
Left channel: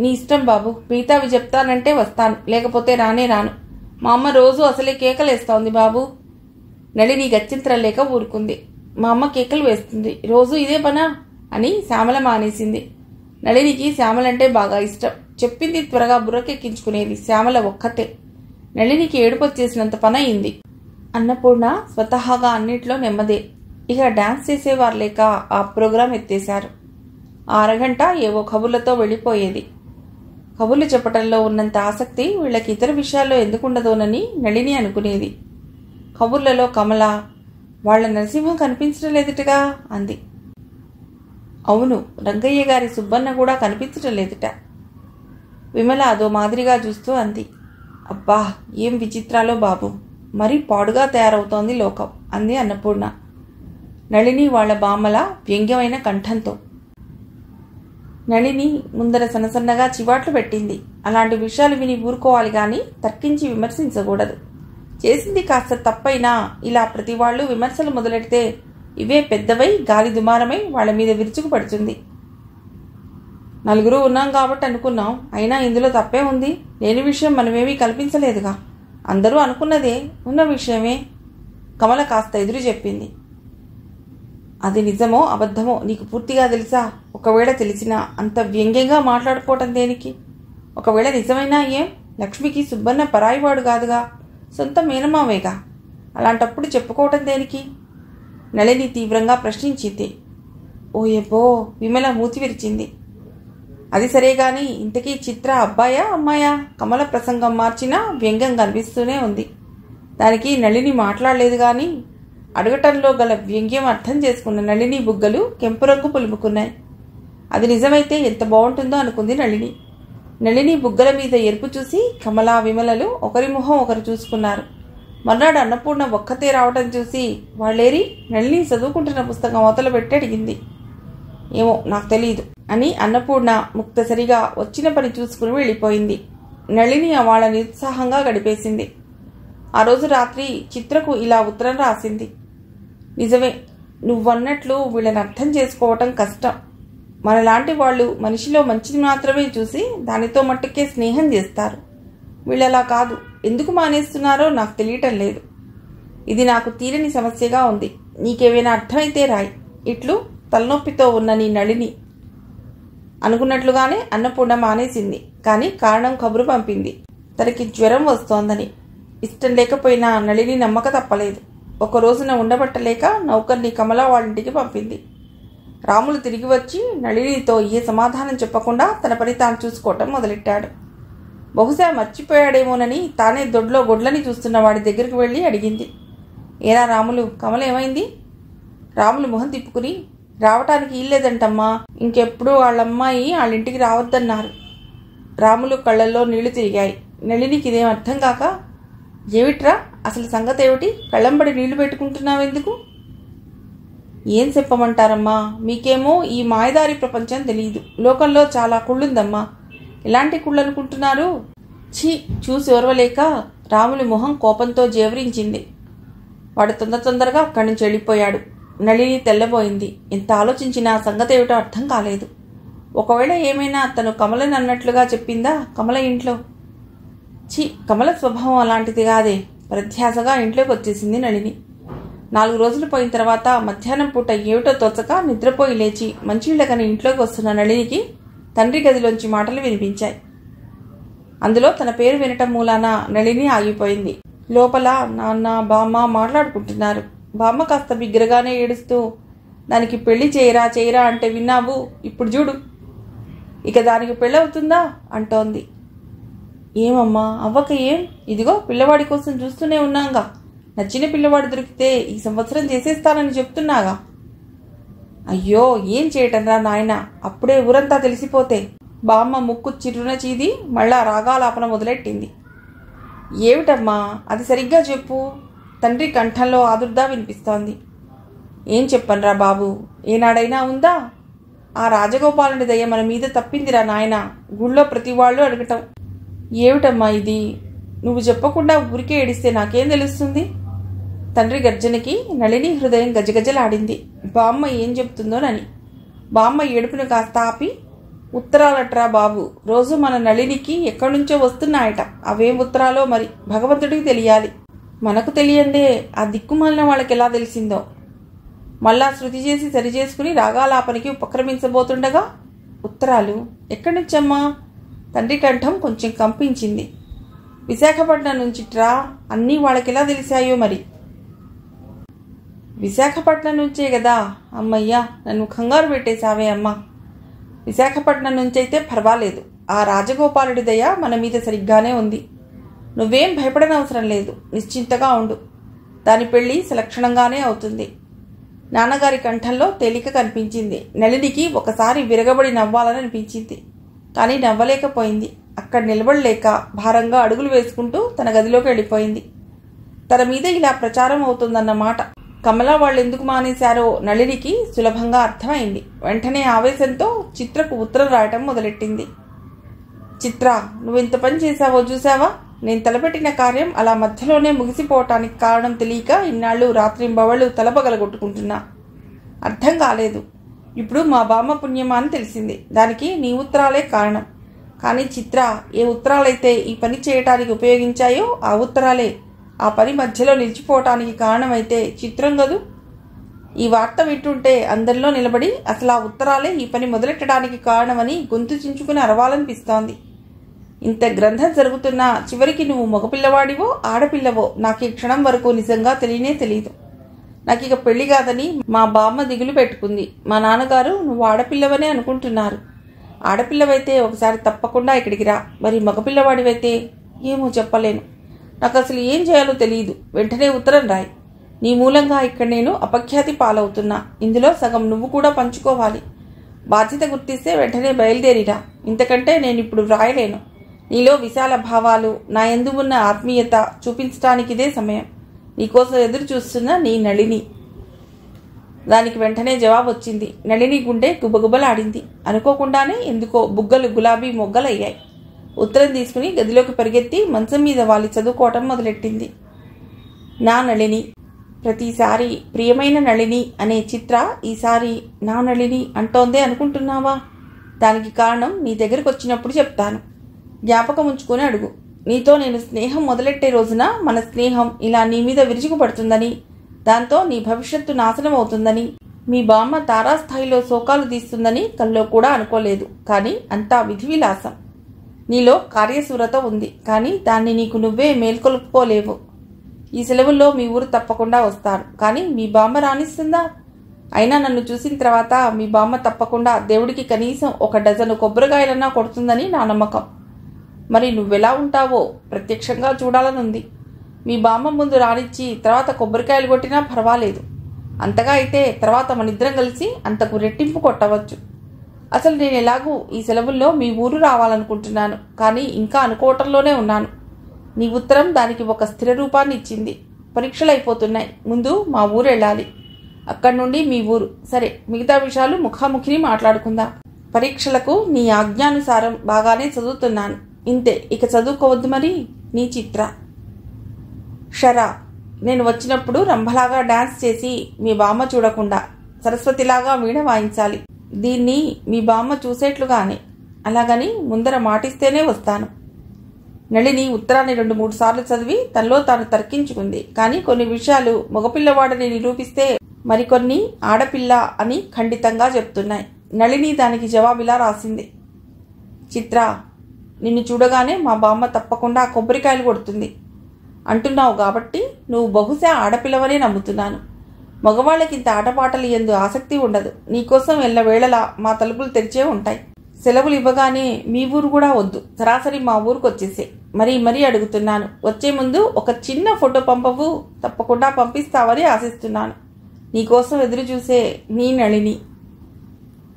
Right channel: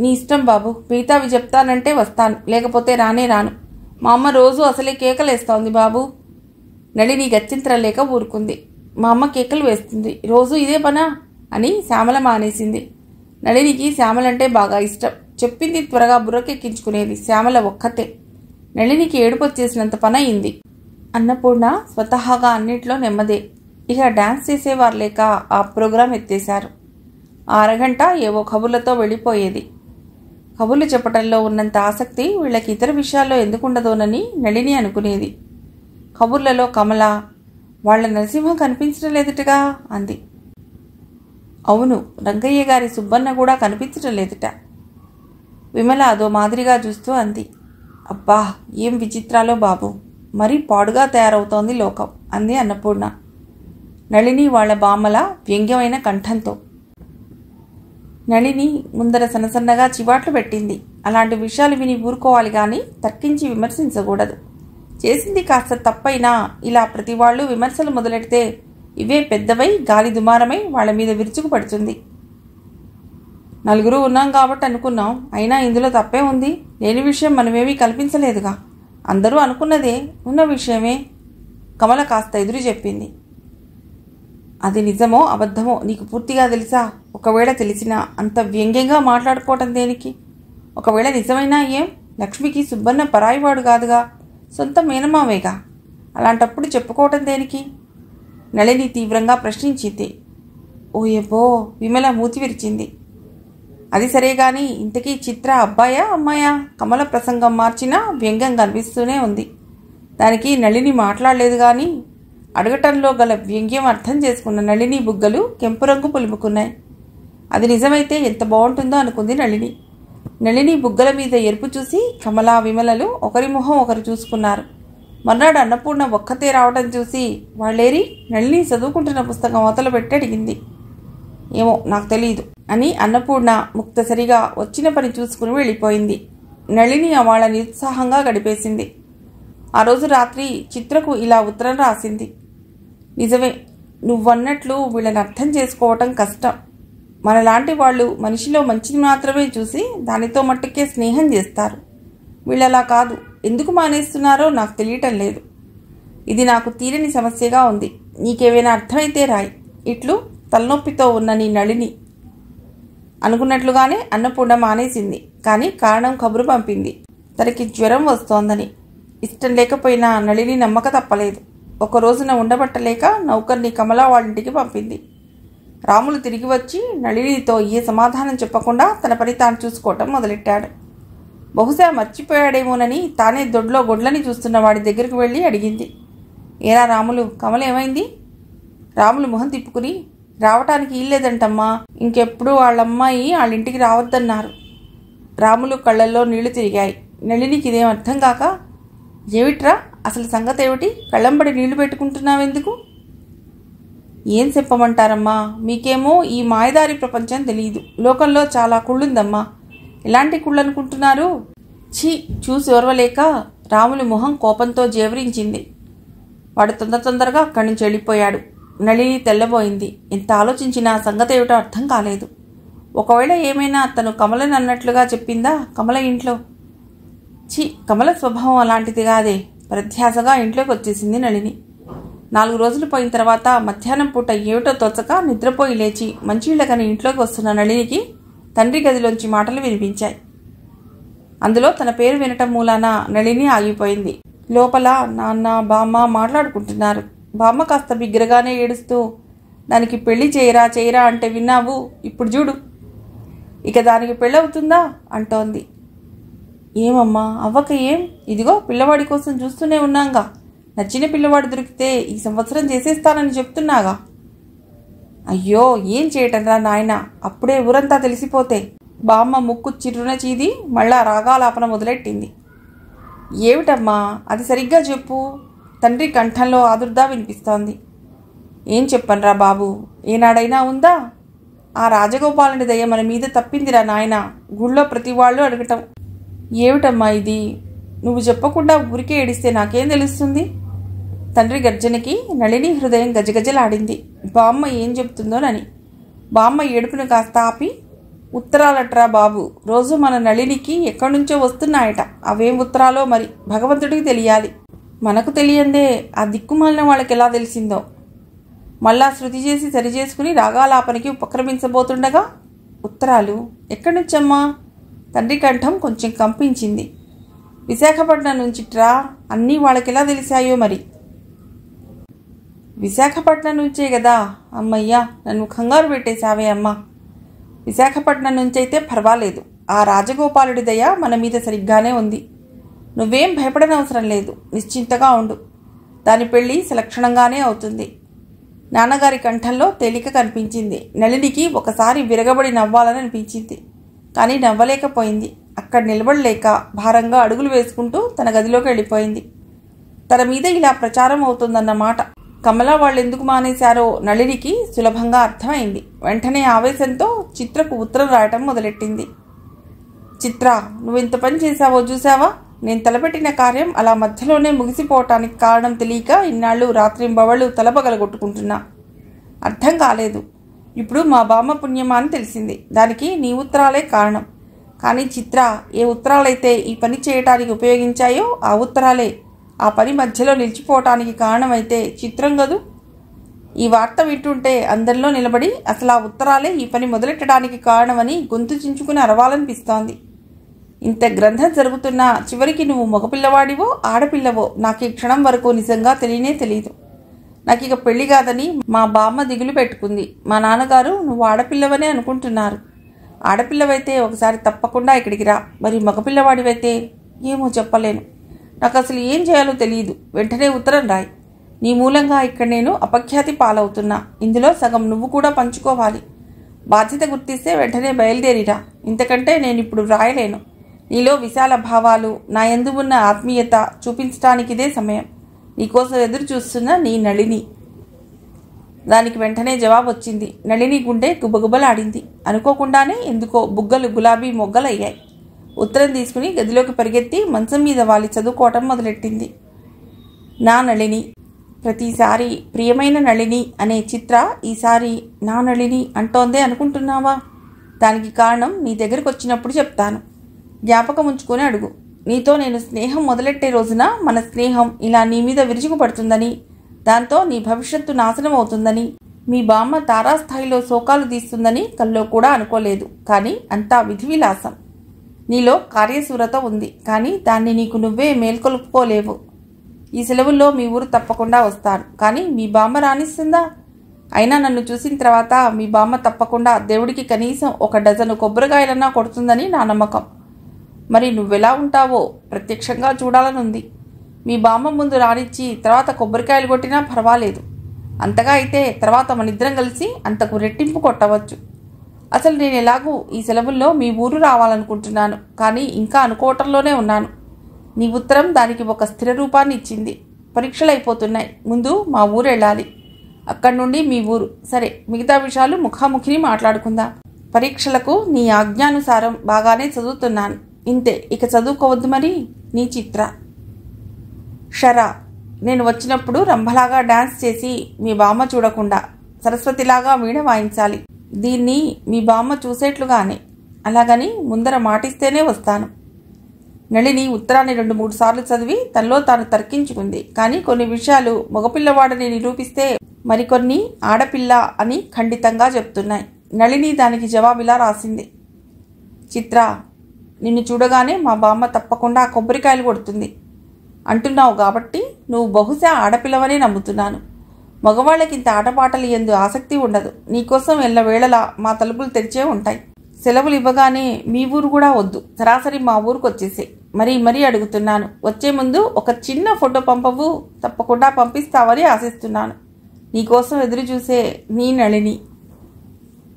నీ ఇష్టం బాబు, మిగతావి చెప్తానంటే వస్తాను, లేకపోతే రానే రాను. మా అమ్మ రోజు అసలే కేకలేస్తోంది బాబు. నళిని గత్యంతరం లేక ఊరుకుంది. మా అమ్మ కేకలు వేస్తుంది, రోజు ఇదే పనా అని శ్యామల మానేసింది. నళినికి శ్యామలంటే బాగా ఇష్టం. చెప్పింది త్వరగా బుర్రకెక్కించుకునేది శ్యామల ఒక్కతే. నళినికి ఏడుపు వచ్చేసినంత పని అయింది. అన్నపూర్ణ స్వతహాగా అన్నిట్లో నెమ్మదే. ఇక డాన్స్ చేసేవారు లేక ఆ ప్రోగ్రాం ఎత్తేశారు. ఆ అరగంట ఏవో కబుర్లతో వెళ్ళిపోయేది. కబుర్లు చెప్పటంలో ఉన్నంత ఆసక్తి వీళ్ళకి ఇతర విషయాల్లో ఎందుకుండదోనని నళిని అనుకునేది. కబుర్లలో కమల, వాళ్ల నరసింహం కనిపించడం లేదుటగా అంది. అవును, రంగయ్య గారి సుబ్బన్న కూడా కనిపించడం లేదుట. విమల అదో మాదిరిగా చూస్తూ అంది. అబ్బా, ఏం విచిత్రాలో బాబు, మరీ పాడుగా తయారవుతోంది లోకం అంది అన్నపూర్ణ. నళిని వాళ్ల బామ్మల వ్యంగ్యమైన కంఠంతో. నళిని ముందర సన్నసన్నగా చివాట్లు పెట్టింది. అలాంటి విషయాలు విని ఊరుకోవాలి గాని తర్కించి విమర్శించకూడదు. చేసింది కాస్త తప్పైనా ఇలా ప్రతి వాళ్ళు విమర్శలు మొదలెడితే ఇవే పెద్దవై గాలి దుమారమై వాళ్ల మీద విరుచుకు పడుతుంది. నలుగురు ఉన్నాం కాబట్టి అనుకున్నాం, అయినా ఇందులో తప్పే ఉంది. లేని విషయం మనమేమీ కల్పించలేదుగా. అందరూ అనుకున్నదే, ఉన్న విషయమే. కమల కాస్త ఎదురు చెప్పింది. అది నిజమో అబద్ధమో నీకు పూర్తిగా తెలుసా? ఒకవేళ తెలిసినా అంత వ్యంగ్యంగా మాట్లాడుకోవటం దేనికి? ఒకవేళ నిజమైనా ఏం? లక్ష్మికి సుబ్బన్న పరాయివాడు కాదుగా, సొంత మేనమావేగా. అలాంటప్పుడు చెప్పుకోవటం దేనికి? నళిని తీవ్రంగా ప్రశ్నించింది. ఓయబ్బో, విమల మూతి విరిచింది. అది సరేగాని ఇంతకీ చిత్ర అబ్బాయా అమ్మాయా? కమల ప్రసంగం మార్చినా వ్యంగ్యం కనిపిస్తూనే ఉంది. దానికి నళిని మాట్లాడలేదు గాని అడగటంలో గల వ్యంగ్యం అర్థం చేసుకున్న నళిని బుగ్గలు కెంపు రంగు పులుముకున్నాయి. అది నిజమైతే ఎంత బాగుంటుందో అనుకుంది నళిని. నళిని బుగ్గల మీద ఎరుపు చూసి కమలా విమలలు ఒకరి మొహం ఒకరు చూసుకున్నారు. మర్నాడు అన్నపూర్ణ ఒక్కతే రావటం చూసి వాళ్ళేరి నళిని చదువుకుంటున్న పుస్తకం అవతల పెట్టి అడిగింది. ఏమో నాకు తెలియదు అని అన్నపూర్ణ ముక్తసరిగా వచ్చిన పని చూసుకుని వెళ్ళిపోయింది. నళిని వాళ్ళ నిరుత్సాహంగా గడిపేసింది. ఆ రోజు రాత్రి చిత్రకు ఇలా ఉత్తరం రాసింది. నిజమే, నువ్వన్నట్లు వీళ్ళని అర్థం చేసుకోవటం కష్టం. మనలాంటి వాళ్ళు మనిషిలో మంచిని మాత్రమే చూసి దానితో మట్టుకే స్నేహం చేస్తారు. వీళ్ళలా కాదు. ఎందుకు మానేస్తున్నారో నాకు తెలియటం లేదు. ఇది నాకు తీరని సమస్యగా ఉంది. నీకేమైనా అర్థమైతే రాయి. ఇట్లు తలనొప్పితో ఉన్న నీ నళిని. అనుకున్నట్లుగానే అన్నపూర్ణ మానేసింది. కానీ కారణం కబురు పంపింది. తనకి జ్వరం వస్తోందని. ఇష్టం లేకపోయినా నళిని నమ్మక తప్పలేదు. ఒక రోజున ఉండబట్టలేక నౌకర్ని కమలా వాళ్ళింటికి పంపింది. రాములు తిరిగి వచ్చి నళినితో ఏ సమాధానం చెప్పకుండా తన పని తాను చూసుకోవటం మొదలెట్టాడు. బహుశా మర్చిపోయాడేమోనని తానే దొడ్లో గొడ్లని చూస్తున్న వాడి దగ్గరికి వెళ్ళి అడిగింది. ఏరా రాములు, కమల ఏమైంది? రాములు మొహం తిప్పుకుని, రావటానికి ఇల్లేదంటమ్మా, ఇంకెప్పుడు వాళ్ళమ్మాయి వాళ్ళింటికి రావద్దన్నారు. రాములు కళ్ళల్లో నీళ్లు తిరిగాయి. నళినికి ఇదేం అర్థం కాక, ఏమిట్రా అసలు సంగతి ఏమిటి? కళ్ళంబడి నీళ్లు పెట్టుకుంటున్నావెందుకు? ఏం చెప్పమంటారమ్మా, మీకేమో ఈ మాయదారి ప్రపంచం తెలియదు. లోకంలో చాలా కుళ్ళుందమ్మా. ఎలాంటి కుళ్ళు అనుకుంటున్నారు? ఛీ, చూసి ఓర్వలేక రాములు మొహం కోపంతో జేవరించింది. వాడు తొందరగా అక్కడి నుంచి వెళ్ళిపోయాడు. నళిని తెల్లబోయింది. ఎంత ఆలోచించినా సంగతి ఏమిటో అర్థం కాలేదు. ఒకవేళ ఏమైనా తను కమలని అన్నట్లుగా చెప్పిందా కమల ఇంట్లో? కమల స్వభావం అలాంటిది కాదే. ప్రధ్యాసగా ఇంట్లోకి వచ్చేసింది నళిని. 4 రోజులు పోయిన తర్వాత మధ్యాహ్నం పూట ఏమిటో తోచక నిద్రపోయి లేచి మంచినీళ్ళకని ఇంట్లోకి వస్తున్న నళినికి తండ్రి గదిలోంచి మాటలు వినిపించాయి. అందులో తన పేరు వినటం మూలాన నళిని ఆగిపోయింది. లోపల నాన్న బామ్మ మాట్లాడుకుంటున్నారు. బామ్మ కాస్త బిగ్గరగానే ఏడుస్తూ, దానికి పెళ్లి చేయరా అంటే విన్నావు, ఇప్పుడు చూడు, ఇక దానికి పెళ్ళవుతుందా అంటోంది. ఏమమ్మా అవ్వక ఏం, ఇదిగో పిల్లవాడి కోసం చూస్తూనే ఉన్నాగా, నచ్చిన పిల్లవాడు దొరికితే ఈ సంవత్సరం చేసేస్తానని చెప్తున్నాగా. అయ్యో ఏం చేయటం రా నాయన, అప్పుడే ఊరంతా తెలిసిపోతే. బామ్మ ముక్కు చిరున చీది మళ్ళా రాగాలాపన మొదలెట్టింది. ఏమిటమ్మా అది సరిగ్గా చెప్పు. తండ్రి కంఠంలో ఆదుర్దా వినిపిస్తోంది. ఏం చెప్పనురా బాబు, ఏనాడైనా ఉందా? ఆ రాజగోపాలుని దయ మన మీద తప్పిందిరా నాయన. గుళ్ళో ప్రతి వాళ్ళు అడగటం. ఏమిటమ్మా ఇది, నువ్వు చెప్పకుండా ఊరికే ఏడిస్తే నాకేం తెలుస్తుంది? తండ్రి గర్జనకి నళిని హృదయం గజగజలాడింది. బామ్మ ఏం చెప్తుందోనని. బామ్మ ఏడుపును కాస్త ఆపి, ఉత్తరాలట్రా బాబు, రోజు మన నళినికి ఎక్కడి నుంచో వస్తున్నాయట. అవేం ఉత్తరాలో మరి భగవంతుడికి తెలియాలి. మనకు తెలియందే ఆ దిక్కుమాలిన వాళ్ళకి ఎలా తెలిసిందో. మళ్ళా శృతి చేసి సరిచేసుకుని రాగాలాపనికి ఉపక్రమించబోతుండగా ఉత్తరాలు ఎక్కడి నుంచమ్మా? తండ్రి కంఠం కొంచెం కంపించింది. విశాఖపట్నం నుంచిట్రా. అన్నీ వాళ్ళకెలా తెలిసాయో మరి. విశాఖపట్నం నుంచే కదా. అమ్మయ్యా, నన్ను కంగారు పెట్టేశావే అమ్మా. విశాఖపట్నం నుంచైతే పర్వాలేదు. ఆ రాజగోపాలుడి దయ మన మీద సరిగ్గానే ఉంది. నువ్వేం భయపడనవసరం లేదు, నిశ్చింతగా ఉండు. దాని పెళ్లి సలక్షణంగానే అవుతుంది. నాన్నగారి కంఠంలో తేలిక కనిపించింది. నళినికి ఒకసారి విరగబడి నవ్వాలని అనిపించింది. కానీ నవ్వలేకపోయింది. అక్కడ నిలబడలేక భారంగా అడుగులు వేసుకుంటూ తన గదిలోకి వెళ్ళిపోయింది. తన మీద ఇలా ప్రచారం అవుతుందన్నమాట. కమల వాళ్ళు ఎందుకు మానేశారో నళినికి సులభంగా అర్థమైంది. వెంటనే ఆవేశంతో చిత్రకు ఉత్తరం రాయటం మొదలెట్టింది. చిత్ర, నువ్వెంత పని చేశావో చూసావా? నేను తలపెట్టిన కార్యం అలా మధ్యలోనే ముగిసిపోవటానికి కారణం తెలియక ఇన్నాళ్ళు రాత్రింబవళ్ళు తలపగలగొట్టుకుంటున్నా. అర్థం కాలేదు. ఇప్పుడు మా బామ్మ పుణ్యమా అని తెలిసింది. దానికి నీ ఉత్తరాలే కారణం. కానీ చిత్ర, ఏ ఉత్తరాలైతే ఈ పని చేయటానికి ఉపయోగించాయో ఆ ఉత్తరాలే ఆ పని మధ్యలో నిలిచిపోవటానికి కారణమైతే చిత్రం కదూ. ఈ వార్త వింటుంటే అందరిలో నిలబడి అసలు ఆ ఉత్తరాలే ఈ పని మొదలెట్టడానికి కారణమని గొంతు చించుకుని అరవాలనిపిస్తోంది. ఇంత గ్రంథం జరుగుతున్నా చివరికి నువ్వు మగపిల్లవాడివో ఆడపిల్లవో నాకు ఈ క్షణం వరకు నిజంగా తెలియదు. నాకు ఇక పెళ్లి కాదని మా బామ్మ దిగులు పెట్టుకుంది. మా నాన్నగారు నువ్వు ఆడపిల్లవనే అనుకుంటున్నారు. ఆడపిల్లవైతే ఒకసారి తప్పకుండా ఇక్కడికి రా. మరి మగపిల్లవాడివైతే ఏమో చెప్పలేను. నాకు అసలు ఏం చేయాలో తెలియదు. వెంటనే ఉత్తరం రాయి. నీ మూలంగా ఇక్కడ నేను అపఖ్యాతి పాలవుతున్నా. ఇందులో సగం నువ్వు కూడా పంచుకోవాలి. బాధ్యత గుర్తిస్తే వెంటనే బయలుదేరిరా. ఇంతకంటే నేను ఇప్పుడు రాయలేను. నీలో విశాల భావాలు, నా యందు ఉన్న ఆత్మీయత చూపించటానికి ఇదే సమయం. నీకోసం ఎదురు చూస్తున్న నీ నళిని. దానికి వెంటనే జవాబు వచ్చింది. నళిని గుండె గుబగుబలాడింది. అనుకోకుండానే ఎందుకో బుగ్గలు గులాబీ మొగ్గలయ్యాయి. ఉత్తరం తీసుకుని గదిలోకి పరిగెత్తి మంచం మీద వాలి చదువుకోవటం మొదలెట్టింది. నా నళిని. ప్రతిసారి ప్రియమైన నళిని అనే చిత్ర ఈసారి నా నళిని అంటోందే అనుకుంటున్నావా? దానికి కారణం నీ దగ్గరకు వచ్చినప్పుడు చెప్తాను. జ్ఞాపకం ఉంచుకొని అడుగు. నీతో నేను స్నేహం మొదలెట్టే రోజున మన స్నేహం ఇలా నీ మీద విరుచుకుపడుతుందని, దాంతో నీ భవిష్యత్తు నాశనం అవుతుందని, మీ బామ్మ తారాస్థాయిలో శోకాలు తీస్తుందని కల్లో కూడా అనుకోలేదు. కానీ అంతా విధి విలాసం. నీలో కార్యశూరత ఉంది. కానీ దాన్ని నీకు నువ్వే మేల్కొల్పుకోలేవు. ఈ సెలవుల్లో మీ ఊరు తప్పకుండా వస్తాను. కానీ మీ బామ్మ రానిస్తుందా? అయినా నన్ను చూసిన తర్వాత మీ బామ్మ తప్పకుండా దేవుడికి కనీసం 1 డజను కొబ్బరికాయలన్నా కొడుతుందని నా నమ్మకం. మరి నువ్వెలా ఉంటావో ప్రత్యక్షంగా చూడాలనుంది. మీ బామ్మ ముందు రానిచ్చి తర్వాత కొబ్బరికాయలు కొట్టినా పర్వాలేదు. అంతగా అయితే తర్వాత మనిద్దరం కలిసి అంతకు రెట్టింపు కొట్టవచ్చు. అసలు నేను ఎలాగూ ఈ సెలవుల్లో మీ ఊరు రావాలనుకుంటున్నాను. కానీ ఇంకా అనుకోవటంలోనే ఉన్నాను. నీ ఉత్తరం దానికి ఒక స్థిర రూపాన్ని ఇచ్చింది. పరీక్షలు అయిపోతున్నాయి. ముందు మా ఊరు వెళ్ళాలి. అక్కడి నుండి మీ ఊరు. సరే, మిగతా విషయాలు ముఖాముఖిని మాట్లాడుకుందాం. పరీక్షలకు నీ ఆజ్ఞానుసారం బాగానే చదువుతున్నాను. ఇంతే, ఇక చదువుకోవద్దు మరి. నీ చిత్ర. షరా. నేను వచ్చినప్పుడు రంభలాగా డాన్స్ చేసి మీ బామ్మ చూడకుండా సరస్వతిలాగా వీణ వాయించాలి. దీన్ని మీ బామ్మ చూసేట్లుగానే. అలాగని ముందర మాటిస్తేనే వస్తాను. నళిని ఉత్తరాన్ని 2-3 సార్లు చదివి తనలో తాను తర్కించుకుంది. కానీ కొన్ని విషయాలు మగపిల్లవాడని నిరూపిస్తే మరికొన్ని ఆడపిల్ల అని ఖండితంగా చెప్తున్నాయి. నళిని దానికి జవాబిలా రాసింది. చిత్ర, నిన్ను చూడగానే మా బామ్మ తప్పకుండా కొబ్బరికాయలు కొడుతుంది అంటున్నావు కాబట్టి నువ్వు బహుశా ఆడపిల్లవనే నమ్ముతున్నాను. మగవాళ్ళకి ఇంత ఆటపాటలు ఎందు ఆసక్తి ఉండదు. నీకోసం ఎల్లవేళలా మా తలుపులు తెరిచే ఉంటాయి. సెలవులు ఇవ్వగానే మీ ఊరు కూడా వద్దు, సరాసరి మా ఊరికి వచ్చేసే. మరీ అడుగుతున్నాను. వచ్చే ముందు ఒక చిన్న ఫోటో పంపవు? తప్పకుండా పంపిస్తావని ఆశిస్తున్నాను. నీకోసం ఎదురు చూసే నీ నళిని.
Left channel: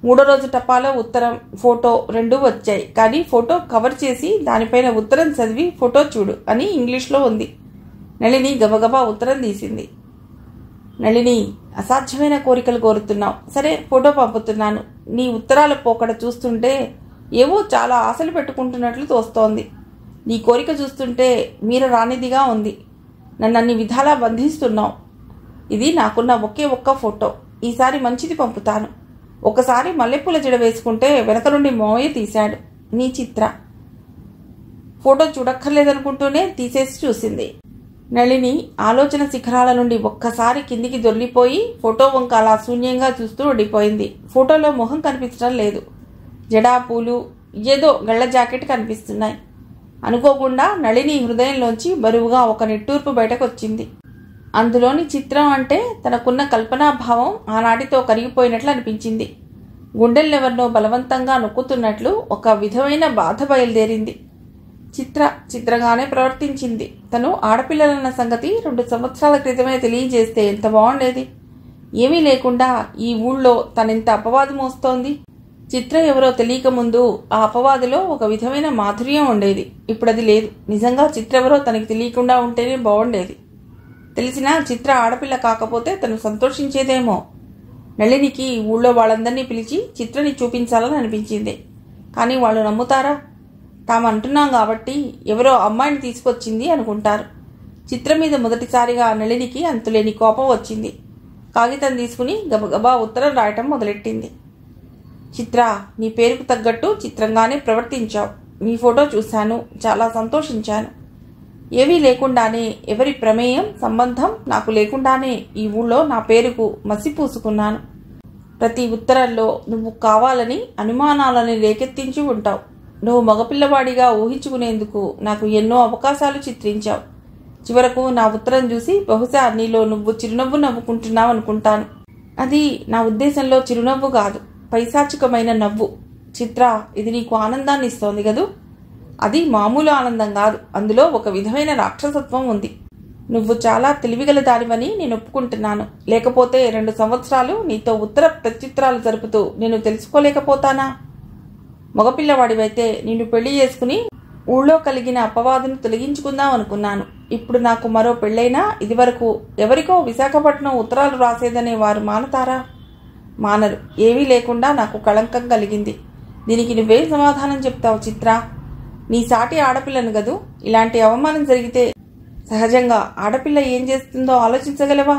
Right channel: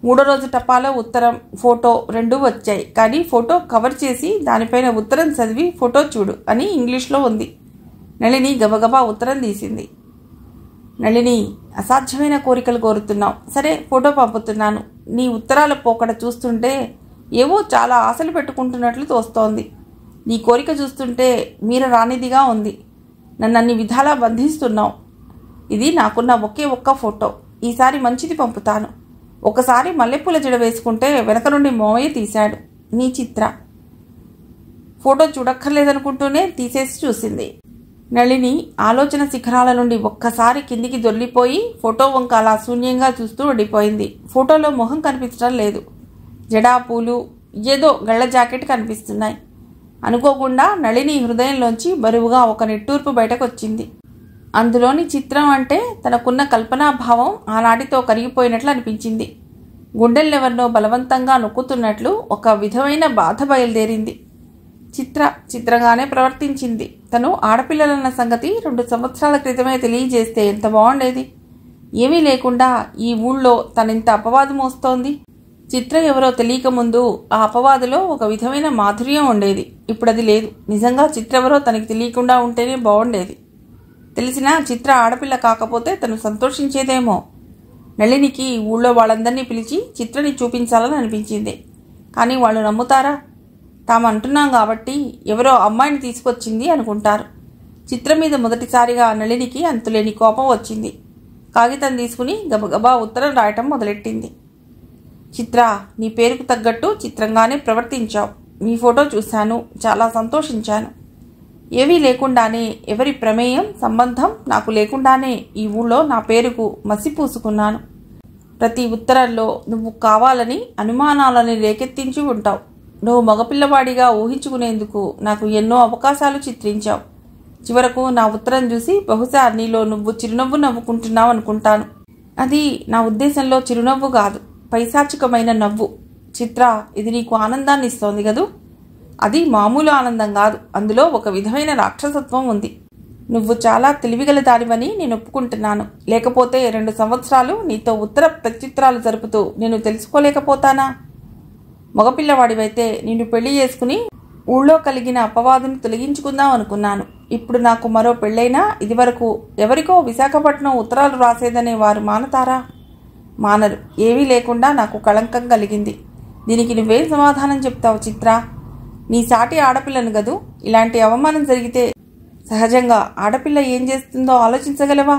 3వ రోజు టపాలో ఉత్తరం, ఫోటో 2 వచ్చాయి. కానీ ఫోటో కవర్ చేసి దానిపైన ఉత్తరం చదివి ఫోటో చూడు అని ఇంగ్లీష్లో ఉంది. నళిని గబగబా ఉత్తరం తీసింది. నళిని, అసాధ్యమైన కోరికలు కోరుతున్నావు. సరే, ఫోటో పంపుతున్నాను. నీ ఉత్తరాల పోకడ చూస్తుంటే ఏవో చాలా ఆశలు పెట్టుకుంటున్నట్లు తోస్తోంది. నీ కోరిక చూస్తుంటే మీర రానిదిగా ఉంది. నన్ను అన్ని విధాలా బంధిస్తున్నావు. ఇది నాకున్న ఒక్క ఫోటో. ఈసారి మంచిది పంపుతాను. ఒకసారి మల్లెపూల జడ వేసుకుంటే వెనక నుండి మోవయ్య తీశాడు. నీ చిత్ర. ఫోటో చూడక్కర్లేదనుకుంటూనే తీసేసి చూసింది. నళిని ఆలోచన శిఖరాల నుండి ఒక్కసారి కిందికి దొర్లిపోయి ఫోటో వంక అలా శూన్యంగా చూస్తూ ఉండిపోయింది. ఫోటోలో మొహం కనిపించడం లేదు. జడా, పూలు, ఏదో గళ్ళ జాకెట్ కనిపిస్తున్నాయి. అనుకోకుండా నళిని హృదయంలోంచి బరువుగా ఒక నిట్టూర్పు బయటకు వచ్చింది. అందులోని చిత్రం అంటే తనకున్న కల్పనాభావం ఆనాటితో కరిగిపోయినట్లు అనిపించింది. గుండెల్లెవరినో బలవంతంగా నొక్కుతున్నట్లు ఒక విధమైన బాధ బయలుదేరింది. చిత్రంగానే ప్రవర్తించింది. తను ఆడపిల్లలన్న సంగతి 2 సంవత్సరాల క్రితమే తెలియజేస్తే ఎంత బాగుండేది. ఏమీ లేకుండా ఈ ఊళ్ళో తనెంత అపవాదు మోస్తోంది. చిత్ర ఎవరో తెలియక ముందు ఆ అపవాదులో ఒక విధమైన మాధుర్యం ఉండేది. ఇప్పుడది లేదు. నిజంగా చిత్ర ఎవరో తనకి తెలియకుండా ఉంటేనే బాగుండేది. తెలిసినా చిత్ర ఆడపిల్ల కాకపోతే తను సంతోషించేదేమో. నళినికి ఊళ్ళో వాళ్ళందరినీ పిలిచి చిత్రని చూపించాలని అనిపించింది. కానీ వాళ్ళు నమ్ముతారా? తాము అంటున్నాం కాబట్టి ఎవరో అమ్మాయిని తీసుకొచ్చింది అనుకుంటారు. చిత్రం మీద మొదటిసారిగా నళినికి అంతులేని కోపం వచ్చింది. కాగితం తీసుకుని గబగబా ఉత్తరం రాయటం మొదలెట్టింది. చిత్ర, నీ పేరుకు తగ్గట్టు చిత్రంగానే ప్రవర్తించావు. మీ ఫోటో చూశాను, చాలా సంతోషించాను. ఏవీ లేకుండానే, ఎవరి ప్రమేయం సంబంధం నాకు లేకుండానే ఈ ఊళ్ళో నా పేరుకు మసి పూసుకున్నాను. ప్రతి ఉత్తరంలో నువ్వు కావాలని అనుమానాలని రేకెత్తించి ఉంటావు. నువ్వు మగపిల్లవాడిగా ఊహించుకునేందుకు నాకు ఎన్నో అవకాశాలు చిత్రించావు. చివరకు నా ఉత్తరం చూసి బహుశా నీలో నువ్వు చిరునవ్వు నవ్వుకుంటున్నావు అనుకుంటాను. అది నా ఉద్దేశంలో చిరునవ్వు కాదు, పైశాచికమైన నవ్వు. చిత్ర, ఇది నీకు ఆనందాన్ని ఇస్తోంది కదూ? అది మామూలు ఆనందం కాదు. అందులో ఒక విధమైన రాక్షసత్వం ఉంది. నువ్వు చాలా తెలివిగల దానివని నేను ఒప్పుకుంటున్నాను. లేకపోతే 2 సంవత్సరాలు నీతో ఉత్తర ప్రత్యుత్తరాలు జరుపుతూ నేను తెలుసుకోలేకపోతానా? మగపిల్లవాడివైతే నిన్ను పెళ్లి చేసుకుని ఊళ్ళో కలిగిన అపవాదును తొలగించుకుందాం అనుకున్నాను. ఇప్పుడు నాకు మరో పెళ్ళైనా ఇదివరకు ఎవరికో విశాఖపట్నం ఉత్తరాలు రాసేదనే వారు మానతారా? మానరు. ఏమీ లేకుండా నాకు కళంకం కలిగింది. దీనికి నువ్వేం సమాధానం చెప్తావు చిత్ర? నీ సాటి ఆడపిల్లను గదు. ఇలాంటి అవమానం జరిగితే సహజంగా ఆడపిల్ల ఏం చేస్తుందో ఆలోచించగలవా?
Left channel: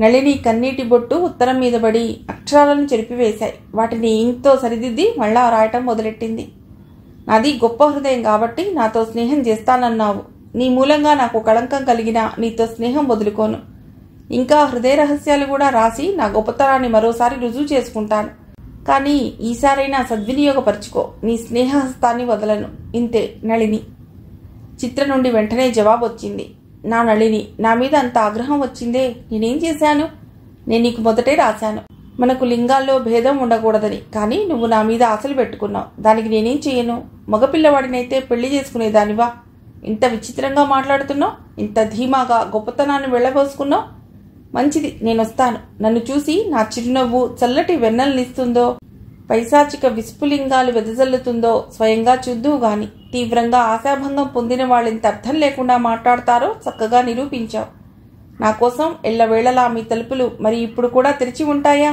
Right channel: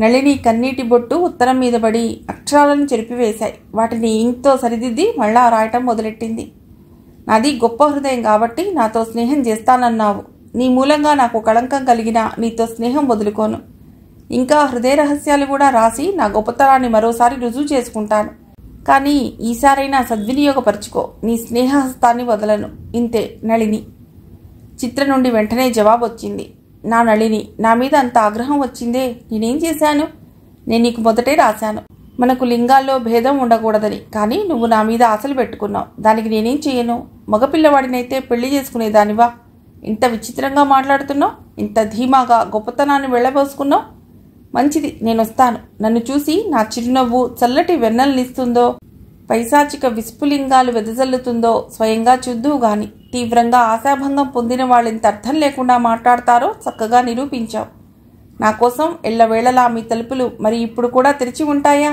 నళిని కన్నీటి బొట్టు ఉత్తరం మీద పడి అక్షరాలను చెరిపివేశాయి. వాటిని ఇంక్తో సరిదిద్ది మళ్ళా రాయటం మొదలెట్టింది. నాది గొప్ప హృదయం కాబట్టి నాతో స్నేహం చేస్తానన్నావు. నీ మూలంగా నాకు కళంకం కలిగినా నీతో స్నేహం వదులుకోను. ఇంకా హృదయ రహస్యాలు కూడా రాసి నా గొప్పతనాన్ని మరోసారి రుజువు చేసుకుంటాను. కానీ ఈసారైనా సద్వినియోగపరుచుకో. నీ స్నేహహస్తాన్ని వదలను. ఇంతే. నళిని. చిత్ర నుండి వెంటనే జవాబు వచ్చింది. నా నళిని, నా మీద అంత ఆగ్రహం వచ్చిందే. నేనేం చేశాను? నేను నీకు మొదటే రాశాను, మనకు లింగాల్లో భేదం ఉండకూడదని. కానీ నువ్వు నా మీద ఆశలు పెట్టుకున్నావు. దానికి నేనేం చేయను? మగపిల్లవాడినైతే పెళ్లి చేసుకునేదానివా? ఇంత విచిత్రంగా మాట్లాడుతున్నావు. ఇంత ధీమాగా గొప్పతనాన్ని వెళ్ళబోసుకున్నావు. మంచిది, నేనొస్తాను. నన్ను చూసి నా చిరునవ్వు చల్లటి వెన్నెలనిస్తుందో, పైశాచిక విస్ఫులింగాలు వెదజల్లుతుందో స్వయంగా చూద్దువు గాని. తీవ్రంగా ఆశాభంగం పొందిన వాళ్ళింత అర్థం లేకుండా మాట్లాడతారో చక్కగా నిరూపించావు. నా కోసం ఎల్లవేళలా మీ తలుపులు మరి ఇప్పుడు కూడా తెరిచి ఉంటాయా?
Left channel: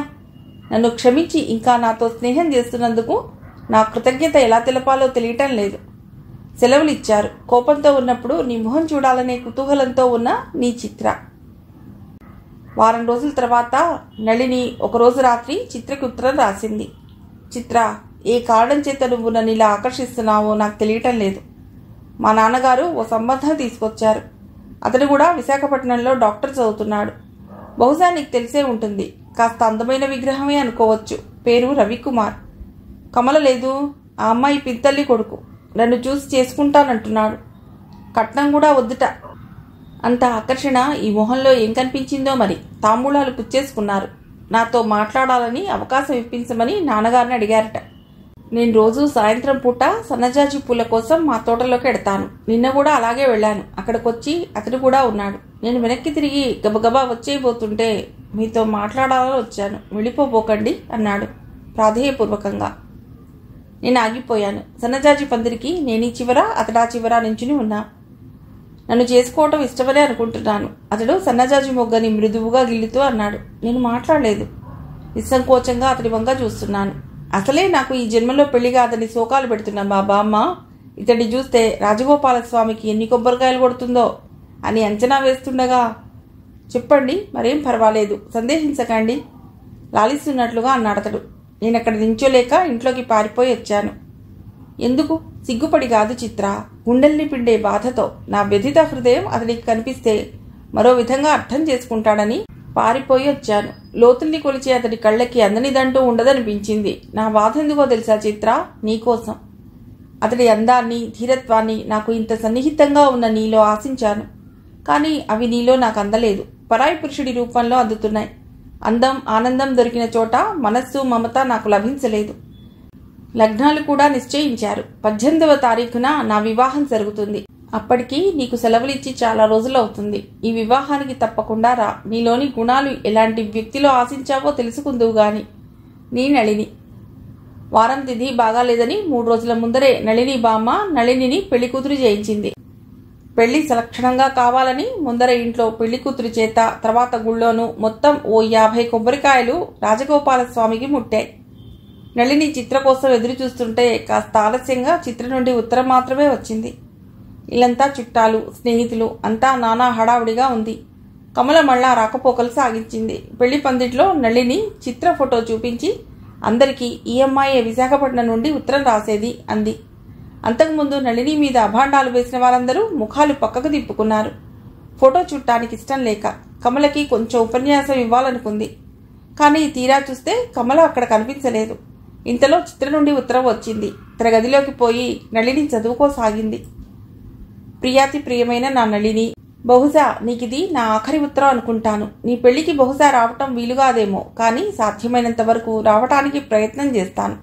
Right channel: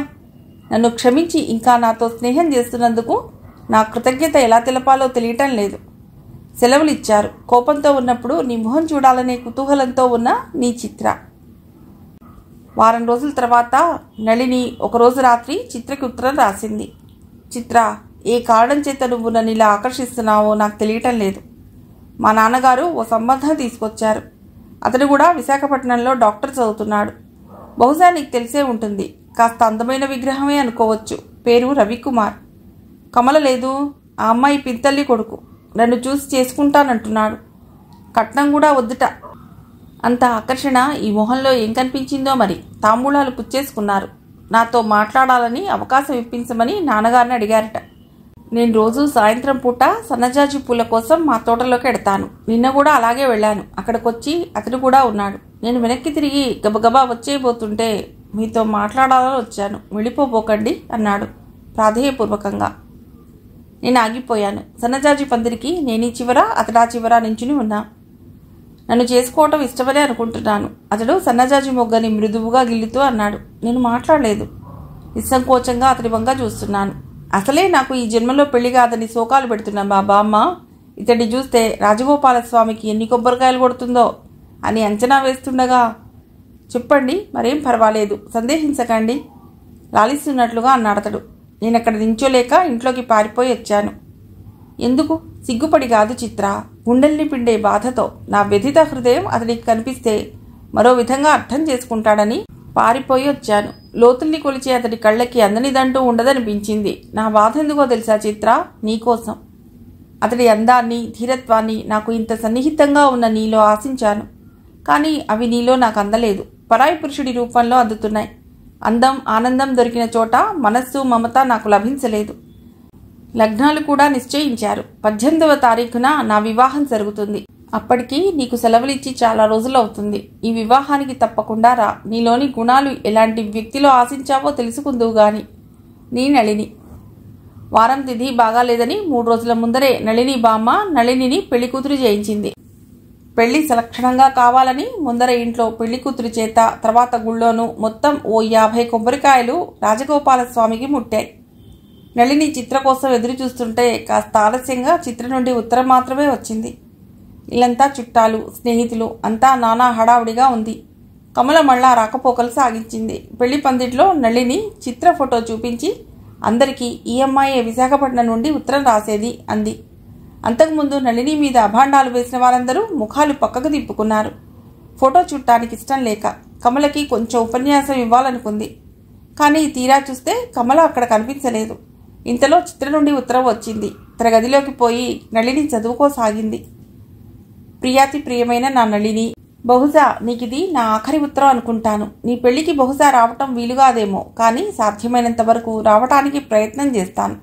నన్ను క్షమించి ఇంకా నాతో స్నేహం చేస్తున్నందుకు నా కృతజ్ఞత ఎలా తెలపాలో తెలియటం లేదు. సెలవులిచ్చారు. కోపంతో ఉన్నప్పుడు నీ మొహం చూడాలనే కుతూహలంతో ఉన్న నీ చిత్ర. వారం రోజుల తర్వాత నళిని ఒకరోజు రాత్రి చిత్రకి ఉత్తరం రాసింది. చిత్ర, ఏ కారణం చేత నువ్వు నన్ను ఇలా ఆకర్షిస్తున్నావో నాకు తెలియటం లేదు. మా నాన్నగారు ఓ సంబంధం తీసుకొచ్చారు. అతడు కూడా విశాఖపట్నంలో డాక్టర్ చదువుతున్నాడు. బహుశా నీకు తెలిసే ఉంటుంది. కాస్త అందమైన విగ్రహమే అనుకోవచ్చు. పేరు రవికుమార్. కమల లేదు, ఆ అమ్మాయి పింతల్లి కొడుకు. నన్ను చూసి చేసుకుంటానంటున్నాడు. కట్నం కూడా వద్దుట. అంత ఆకర్షణ ఈ మొహంలో ఏం కనిపించిందో మరి. తాంబూలాలు పుచ్చేసుకున్నారు. నాతో మాట్లాడాలని అవకాశం ఇప్పించమని నాన్నగారిని అడిగారట. నేను రోజు సాయంత్రం పూట సన్నజాజి పూల కోసం మా తోటలోకి ఎడతాను. నిన్న కూడా అలాగే వెళ్ళాను. అక్కడికొచ్చి అతడు కూడా ఉన్నాడు. నేను వెనక్కి తిరిగి గబగబా వచ్చేయబోతుంటే మీతో మాట్లాడాలని వచ్చాను, వెళ్ళిపోబోకండి అన్నాడు ప్రాధేయపూర్వకంగా. నేను ఆగిపోయాను. సన్నజాజి పందిరికి నేనీ చివర అతడా చివర నించుని ఉన్నా. నన్ను చేసుకోవటం ఇష్టమనే అనుకుంటున్నాను. అతడు సన్నజాజి మొగ్గని మృదువుగా గిల్లుతూ అన్నాడు. నేను మాట్లాడలేదు. నిస్సంకోచంగా అతడి వంగా చూస్తున్నాను. అసలే నాకు ఈ జన్మలో పెళ్లి కాదని శోకాలు పెడుతున్నాను మా బామ్మ. ఇతడి చూస్తే రాజగోపాలస్వామికి ఎన్ని కొబ్బరికాయలు కొడుతుందో అని అంచనా వేస్తుండగా, చెప్పండి, మరేం పర్వాలేదు, సందేహించకండి లాలిస్తున్నట్లుగా అన్నాడతడు. నేనక్కడ నించోలేక ఇంట్లోకి పారిపోయి వచ్చాను. ఎందుకు? సిగ్గుపడి కాదు చిత్ర, గుండెల్ని పిండే బాధతో. నా వ్యధిత హృదయం అతడికి కనిపిస్తే మరో విధంగా అర్థం చేసుకుంటాడని పారిపోయి వచ్చాను. లోతుల్ని కొలిచి అతడి కళ్ళకి అందనిదంటూ ఉండదనిపించింది. నా బాధ ఎందుకో తెలుసా చిత్ర? నీకోసం. అతడి అందాన్ని, ధీరత్వాన్ని నాకు ఇంత సన్నిహితంగా ఉన్న నీలో ఆశించాను. కానీ అవి నీలో నాకు అందలేదు. పరాయి పురుషుడి రూపంలో అందుతున్నాయి. అందం, ఆనందం దొరికిన చోట మనస్సు, మమత నాకు లభించలేదు. లగ్నాలు కూడా నిశ్చయించారు. 18వ తారీఖున నా వివాహం జరుగుతుంది. అప్పటికి నీకు సెలవులిచ్చి చాలా రోజులవుతుంది. ఈ వివాహానికి తప్పకుండా రా. నీలోని గుణాలు ఎలాంటి వ్యక్తిలో ఆశించావో తెలుసుకుందువు గాని. నీ నళిని. వారం తిథి బాగాలేదని 3 రోజుల ముందరే నళిని బామ్మ నళినిని పెళ్లి కూతురు చేయించింది. పెళ్లి సలక్షణంగా కావాలని ముందర ఇంట్లో పెళ్లి కూతురు చేత, తర్వాత గుళ్ళోనూ మొత్తం ఓ 50 కొబ్బరికాయలు రాజగోపాలస్వామికి ముట్టాయి. నళిని చిత్ర కోసం ఎదురు చూస్తుంటే కాస్త ఆలస్యంగా చిత్ర నుండి ఉత్తరం మాత్రమే వచ్చింది. ఇల్లంతా చుట్టాలు, స్నేహితులు, అంతా నానా హడావుడిగా ఉంది. కమల మళ్ళా రాకపోకలు సాగించింది. పెళ్లి పందిట్లో నళిని చిత్ర ఫోటో చూపించి అందరికీ ఈ అమ్మాయి విశాఖపట్నం నుండి ఉత్తరం రాసేది అంది. అంతకుముందు నళిని మీద అభాండాలు వేసిన వారందరూ ముఖాలు పక్కకు తిప్పుకున్నారు. ఫోటో చూడటానికి ఇష్టం లేక కమలకి కొంచెం ఉపన్యాసం ఇవ్వాలనుకుంది. కానీ తీరా చూస్తే కమల అక్కడ కనిపించలేదు. ఇంతలో చిత్ర నుండి ఉత్తరం వచ్చింది. తన గదిలోకి పోయి నళిని చదువుకోసాగింది. ప్రియాతి ప్రియమైన నా నళిని, బహుశా నీకిది నా ఆఖరి ఉత్తరం అనుకుంటాను. నీ పెళ్లికి బహుశా రావటం వీలుగాదేమో, కానీ సాధ్యమైనంత వరకు రావటానికి ప్రయత్నం చేస్తాను.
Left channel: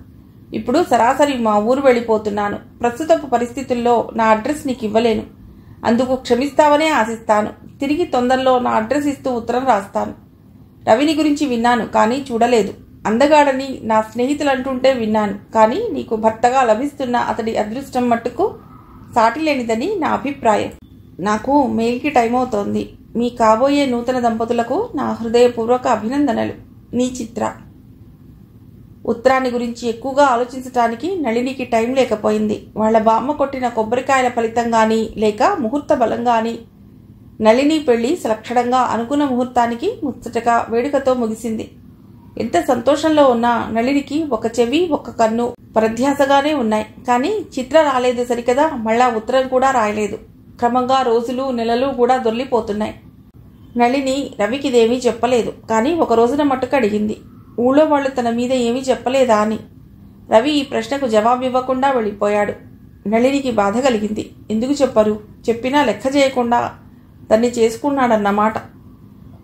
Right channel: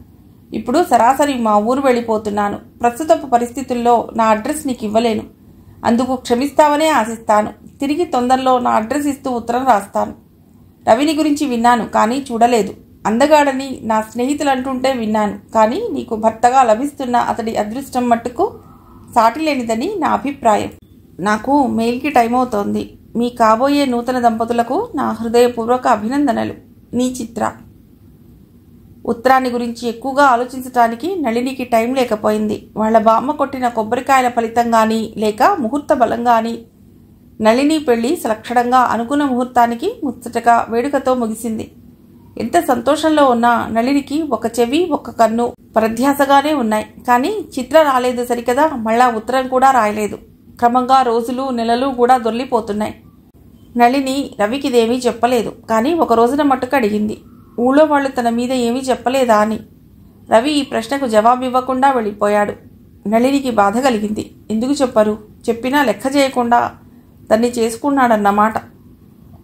ఇప్పుడు సరాసరి మా ఊరు వెళ్ళిపోతున్నాను. ప్రస్తుతపు పరిస్థితుల్లో నా అడ్రస్ నీకు ఇవ్వలేను. అందుకు క్షమిస్తావనే ఆశిస్తాను. తిరిగి తొందరలో నా అడ్రస్ ఇస్తూ ఉత్తరం రాస్తాను. రవిని గురించి విన్నాను, కానీ చూడలేదు. అందగాడని నా స్నేహితులంటుంటే విన్నాను, కానీ నీకు భర్తగా లభిస్తున్న అతడి అదృష్టం మట్టుకు సాటిలేనిదని నా అభిప్రాయం. నాకు మెయిల్కి టైం అవుతోంది. మీ కాబోయే నూతన దంపతులకు నా హృదయపూర్వక అభినందనలు. నీ చిత్ర. ఉత్తరాన్ని గురించి ఎక్కువగా ఆలోచించటానికి నళినికి టైం లేకపోయింది. వాళ్ల బామ్మ కొట్టిన కొబ్బరికాయల ఫలితంగాని లేక ముహూర్త బలంగాని నళిని పెళ్లి సలక్షణంగా అనుకున్న ముహూర్తానికి ముచ్చటగా వేడుకతో ముగిసింది. ఎంత సంతోషంలో ఉన్నా నళినికి ఒక చెవి, ఒక కన్ను పరధ్యాసగానే ఉన్నాయి. కానీ చిత్ర రాలేదు సరికదా, మళ్ళా ఉత్తరం కూడా రాయలేదు. క్రమంగా రోజులు, నెలలు కూడా దొర్లిపోతున్నాయి. నళిని రవికిదేమీ చెప్పలేదు. కానీ ఒక రోజున మట్టుకు అడిగింది, ఊళ్ళో వాళ్ళు తన మీద ఏమీ చెప్పలేదా అని. రవి ఈ ప్రశ్నకు జవాబివ్వకుండా వెళ్ళిపోయాడు. నళినికి బాధ కలిగింది. ఎందుకు చెప్పరు? చెప్పినా లెక్క చేయకుండా తన్ని చేసుకున్నాడన్నమాట.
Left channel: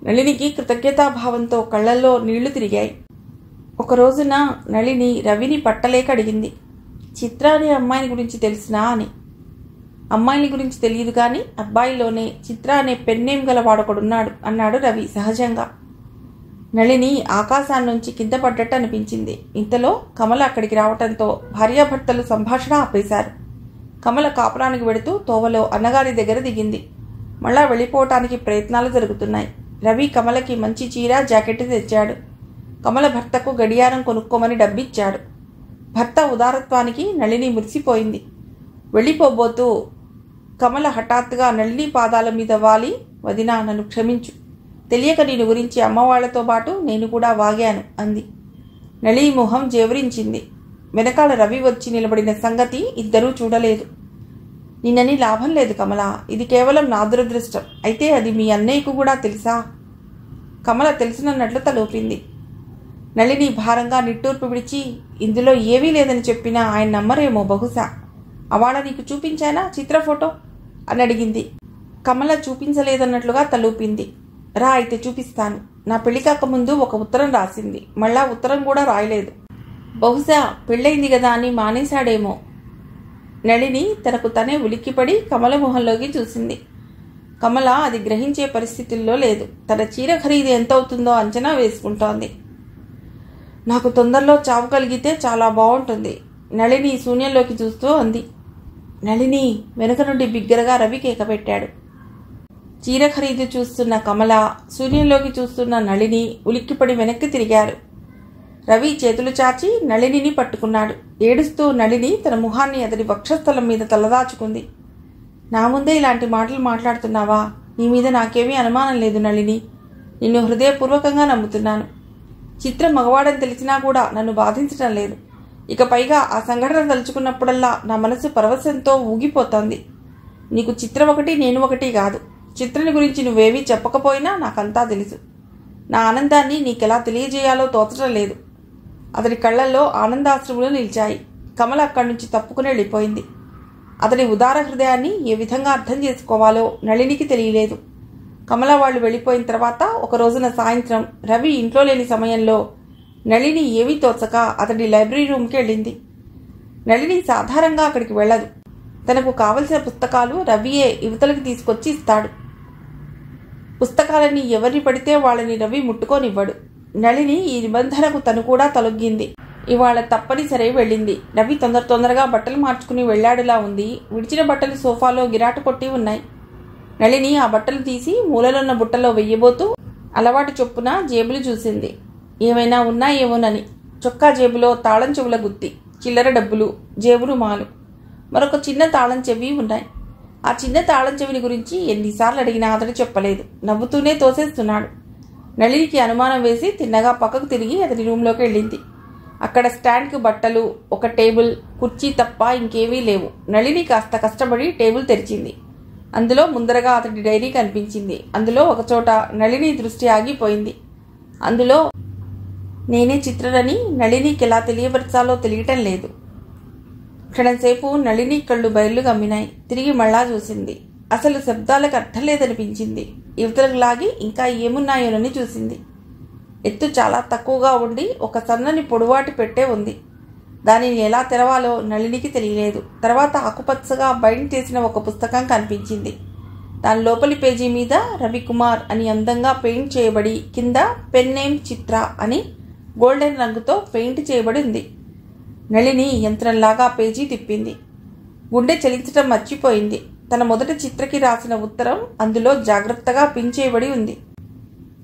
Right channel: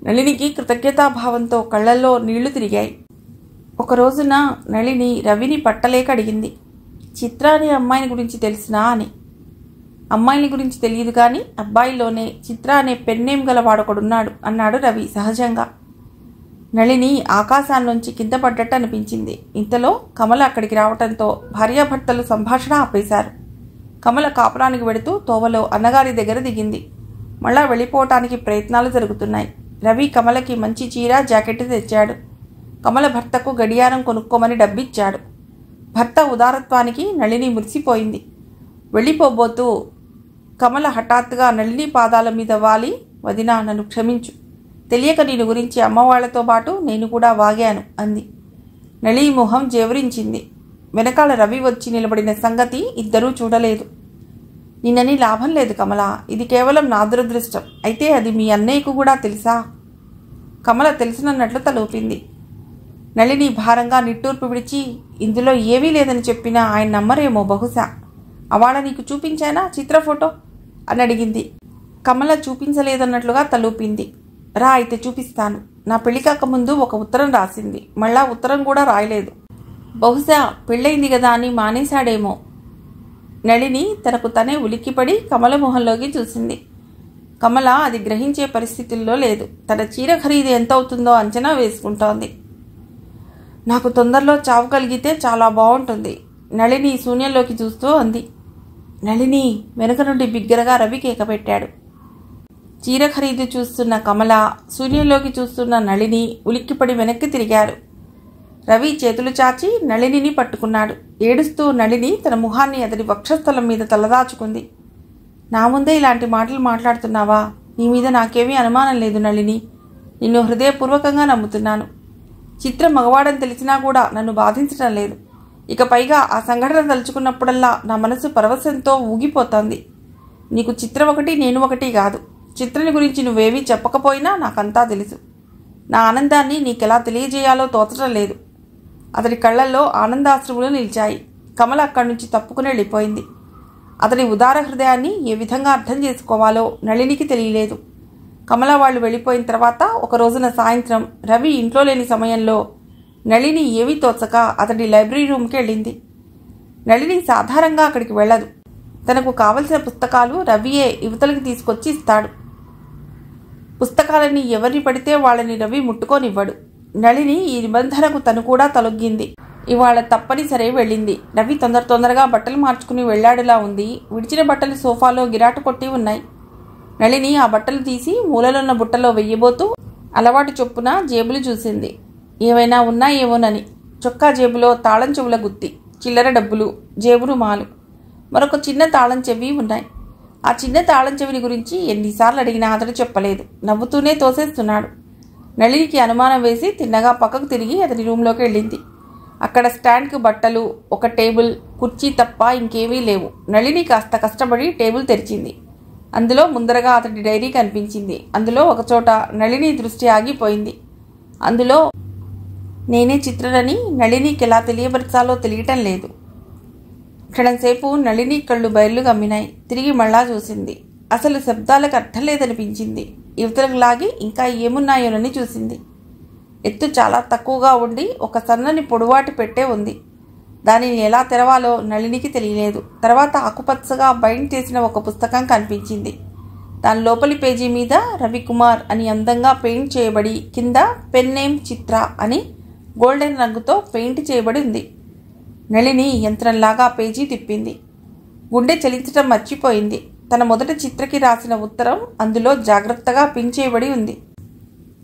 నళినికి కృతజ్ఞతాభావంతో కళ్లల్లో నీళ్లు తిరిగాయి. ఒక రోజున నళిని రవిని పట్టలేక అడిగింది, చిత్ర అనే అమ్మాయిని గురించి తెలిసినా అని. అమ్మాయిని గురించి తెలియదు కానీ అబ్బాయిలోనే చిత్ర అనే పెన్నేం గలవాడొకడున్నాడు అన్నాడు రవి సహజంగా. నళిని ఆకాశాన్నుంచి కింద పడ్డట్టు అనిపించింది. ఇంతలో కమల అక్కడికి రావటంతో భార్యాభర్తలు సంభాషణ ఆపేశారు. కమల కాపురానికి వెడుతూ తోవలో అన్నగారి దగ్గర దిగింది. మళ్ళా వెళ్ళిపోవటానికి ప్రయత్నాలు జరుగుతున్నాయి. రవి కమలకి మంచి చీర, జాకెట్ తెచ్చాడు. కమల భర్తకు గడియారం కొనుక్కోమని డబ్బిచ్చాడు. భర్త ఉదారత్వానికి నళిని మురిసిపోయింది. వెళ్ళిపోబోతూ కమల హఠాత్తుగా నళిని పాదాల మీద వాలి, వదినా నన్ను క్షమించు. తెలియక నేను గురించి అమ్మవాళ్లతో పాటు నేను కూడా వాగాను అంది. నళి మొహం జేవరించింది. వెనకాల రవి వచ్చి నిలబడిన సంగతి ఇద్దరూ చూడలేదు. నిన్నని లాభం లేదు కమల, ఇది కేవలం నా దురదృష్టం. అయితే అది మీ అన్నయ్యకు కూడా తెలుసా? కమల తెలుసునన్నట్లు తలూపింది. నళిని భారంగా నిట్టూర్పు విడిచి, ఇందులో ఏమీ లేదని చెప్పినా ఆయన నమ్మరేమో బహుశా. అవాళ నీకు చూపించానా చిత్ర ఫోటో అని అడిగింది. కమల చూపించలేదన్నట్లుగా తలూపింది. రా అయితే చూపిస్తాను. నా పెళ్లి కాకముందు ఒక ఉత్తరం రాసింది, మళ్ళా ఉత్తరం కూడా రాయలేదు. బహుశా పెళ్ళయింది కదా అని మానేశాడేమో. నళిని తనకు తనే ఉలిక్కిపడి కమల మొహంలోకి చూసింది. కమల అది గ్రహించే పరిస్థితుల్లో లేదు. తన చీర ఖరీదు ఎంత అవుతుందో అంచనా వేసుకుంటోంది. నాకు తొందరలో చావు కలిగితే చాలా బాగుంటుంది, నళిని శూన్యంలోకి చూస్తూ అంది. నళిని వెనుక నుండి బిగ్గరగా రవి కేక పెట్టాడు. చీర ఖరీదు చూస్తున్న కమల, శూన్యంలోకి చూస్తున్న నళిని ఉలిక్కిపడి వెనక్కి తిరిగారు. రవి చేతులు చాచి నళినిని పట్టుకున్నాడు. ఏడుస్తూ నళిని తన ముఖాన్ని అతడి వక్షస్థలం మీద తలదాచుకుంది. నా ముందే ఇలాంటి మాటలు మాట్లాడుతున్నావా? నీ మీద నాకేమీ అనుమానం లేదు నళిని. నిన్ను హృదయపూర్వకంగా నమ్ముతున్నాను. చిత్ర మగవాడని తెలిసినా కూడా నన్ను బాధించడం లేదు. ఇక పైగా ఆ సంఘటన తలుచుకున్నప్పుడల్లా నా మనసు పరవశంతో ఊగిపోతోంది. నీకు చిత్రం ఒకటి, నేను ఒకటి కాదు. చిత్రని గురించి నువ్వేమీ చెప్పకపోయినా నాకంతా తెలుసు. నా ఆనందాన్ని నీకెలా తెలియజేయాలో తోచడం లేదు. అతడి కళ్లల్లో ఆనందాశ్రువులు నిలిచాయి. కమల అక్కడి నుంచి తప్పుకుని వెళ్ళిపోయింది. అతడి ఉదార హృదయాన్ని ఏ విధంగా అర్థం చేసుకోవాలో నళినికి తెలియలేదు. కమల వాళ్ళు వెళ్ళిపోయిన తర్వాత ఒక రోజున సాయంత్రం రవి ఇంట్లో లేని సమయంలో నళిని ఏమీ తోచక అతడి లైబ్రరీ రూమ్కి వెళ్ళింది. నళిని సాధారణంగా అక్కడికి వెళ్ళదు. తనకు కావలసిన పుస్తకాలు రవియే యువతలకు తీసుకొచ్చి ఇస్తాడు. పుస్తకాలని ఎవరిని పడితే వాళ్ళని రవి ముట్టుకోనివ్వడు. నళిని ఈ నిబంధనకు తను కూడా తలొగ్గింది. ఇవాళ తప్పనిసరి వెళ్ళింది. రవి తొందరగా బట్టలు మార్చుకుని వెళ్లాడులా ఉంది. విడిచిన బట్టలు సోఫాలో గిరాటు కొట్టి ఉన్నాయి. నళిని ఆ బట్టలు తీసి మూలలున్న బుట్టలో వెయ్యబోతూ అలవాటు చొప్పున జేబులు చూసింది. ఏమైనా ఉన్నాయేమోనని. చొక్కా జేబులో తాళం చెవుల గుత్తి, చిల్లర డబ్బులు, జేబు రుమాలు, మరొక చిన్న తాళం చెవి ఉన్నాయి. ఆ చిన్న తాళం చెవిని గురించి ఎన్నిసార్లు అడిగినా అతడు చెప్పలేదు. నవ్వుతూనే తోసేస్తున్నాడు. నళినికి అనుమానం వేసి తిన్నగా పక్కకు తిరిగి అతని రూంలోకి వెళ్ళింది. అక్కడ స్టాండ్కు బట్టలు, ఒక టేబుల్, కుర్చీ తప్ప ఇంకేమీ లేవు. నళిని కాస్త కష్టపడి టేబుల్ తెరిచింది. అందులో ముందరగా అతడి డైరీ కనిపించింది. అందులో ఒకచోట నళిని దృష్టి ఆగిపోయింది. అందులో నేనే చిత్రనని నళినికి ఎలా తెలియపరచాలో తెలియటం లేదు. క్షణంసేపు నళిని కళ్ళు బయర్లు గమ్మినాయి. తిరిగి మళ్ళా చూసింది. అసలు శబ్దాలకు అర్థం లేదనిపించింది. యువతలకు లాగి ఇంకా ఏమున్నాయోనని చూసింది. ఎత్తు చాలా తక్కువగా ఉండి ఒక సన్నని పొడువాటి పెట్టే ఉంది. దానిని ఎలా తెరవాలో నళినికి తెలియలేదు. తర్వాత ఆకుపచ్చగా బైండ్ చేసిన ఒక పుస్తకం కనిపించింది. దాని లోపలి పేజీ మీద రవికుమార్ అని అందంగా పెయింట్ చేయబడి, కింద పెన్ నేమ్ చిత్ర అని గోల్డెన్ రంగుతో పెయింట్ చేయబడి ఉంది. నళిని యంత్రంలాగా పేజీ తిప్పింది. గుండె చలించటం మర్చిపోయింది. తన మొదట చిత్రకి రాసిన ఉత్తరం అందులో జాగ్రత్తగా పిన్ చేయబడి ఉంది.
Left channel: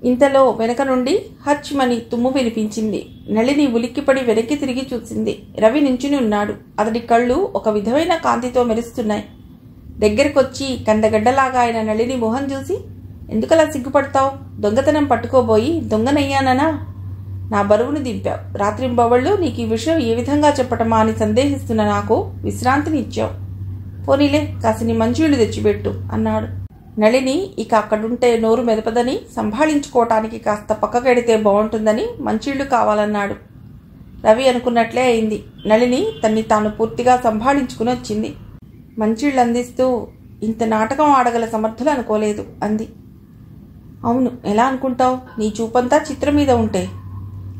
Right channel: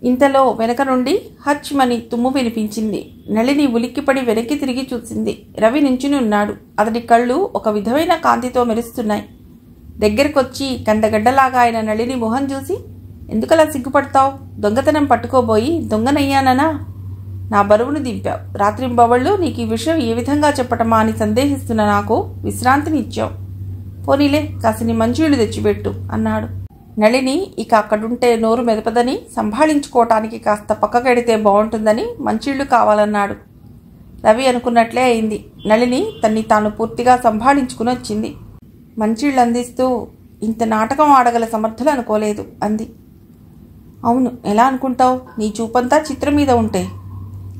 ఇంతలో వెనక నుండి హచ్ మని తుమ్ము వినిపించింది. నళిని ఉలిక్కిపడి వెనక్కి తిరిగి చూసింది. రవి నించుని ఉన్నాడు. అతడి కళ్ళు ఒక విధమైన కాంతితో మెరుస్తున్నాయి. దగ్గరకొచ్చి కండగడ్డలాగా ఆయన నళిని మొహం చూసి, ఎందుకలా సిగ్గుపడతావు? దొంగతనం పట్టుకోబోయి దొంగనయ్యాననా? నా బరువును దింపావు. రాత్రింబవళ్ళు నీకు ఈ విషయం ఏ విధంగా చెప్పటమా అని సందేహిస్తున్న నాకు విశ్రాంతిని ఇచ్చావు. పోనీలే, కాసిని మంచినీళ్లు తెచ్చిపెట్టు అన్నాడు. నళిని ఇక అక్కడుంటే నోరు మెదపదని, సంభాళించుకోవటానికి కాస్త పక్కకెడితే బాగుంటుందని మంచినీళ్లు కావాలన్నాడు. రవి అనుకున్నట్లే అయింది. నళిని తన్ని తాను పూర్తిగా సంభాళించుకుని వచ్చింది. మంచినీళ్ళు అందిస్తూ, ఇంత నాటకం ఆడగల సమర్థులు అనుకోలేదు అంది. అవును, ఎలా అనుకుంటావు? నీ చూపంతా చిత్రం మీద ఉంటే.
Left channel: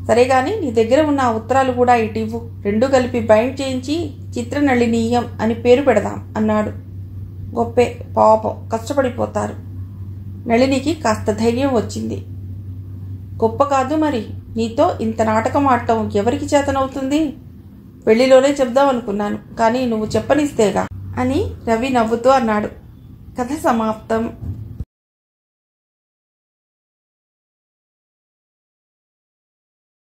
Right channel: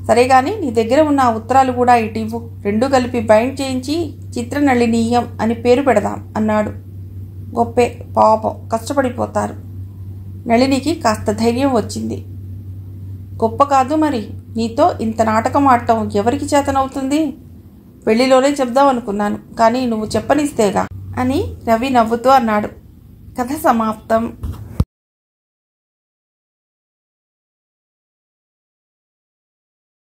సరేగాని నీ దగ్గర ఉన్న ఆ ఉత్తరాలు కూడా ఇటివ్వు. రెండూ కలిపి బైండ్ చేయించి చిత్ర నళినీయం అని పేరు పెడదాం అన్నాడు. గొప్పే, పాపం, కష్టపడిపోతారు. నళినికి కాస్త ధైర్యం వచ్చింది. గొప్ప కాదు మరి, నీతో ఇంత నాటకం ఆడటం ఎవరికి చేతనవుతుంది? పెళ్లిలోనే చెప్దాం అనుకున్నాను, కానీ నువ్వు చెప్పనిస్తేగా అని రవి నవ్వుతూ అన్నాడు. కథ సమాప్తం.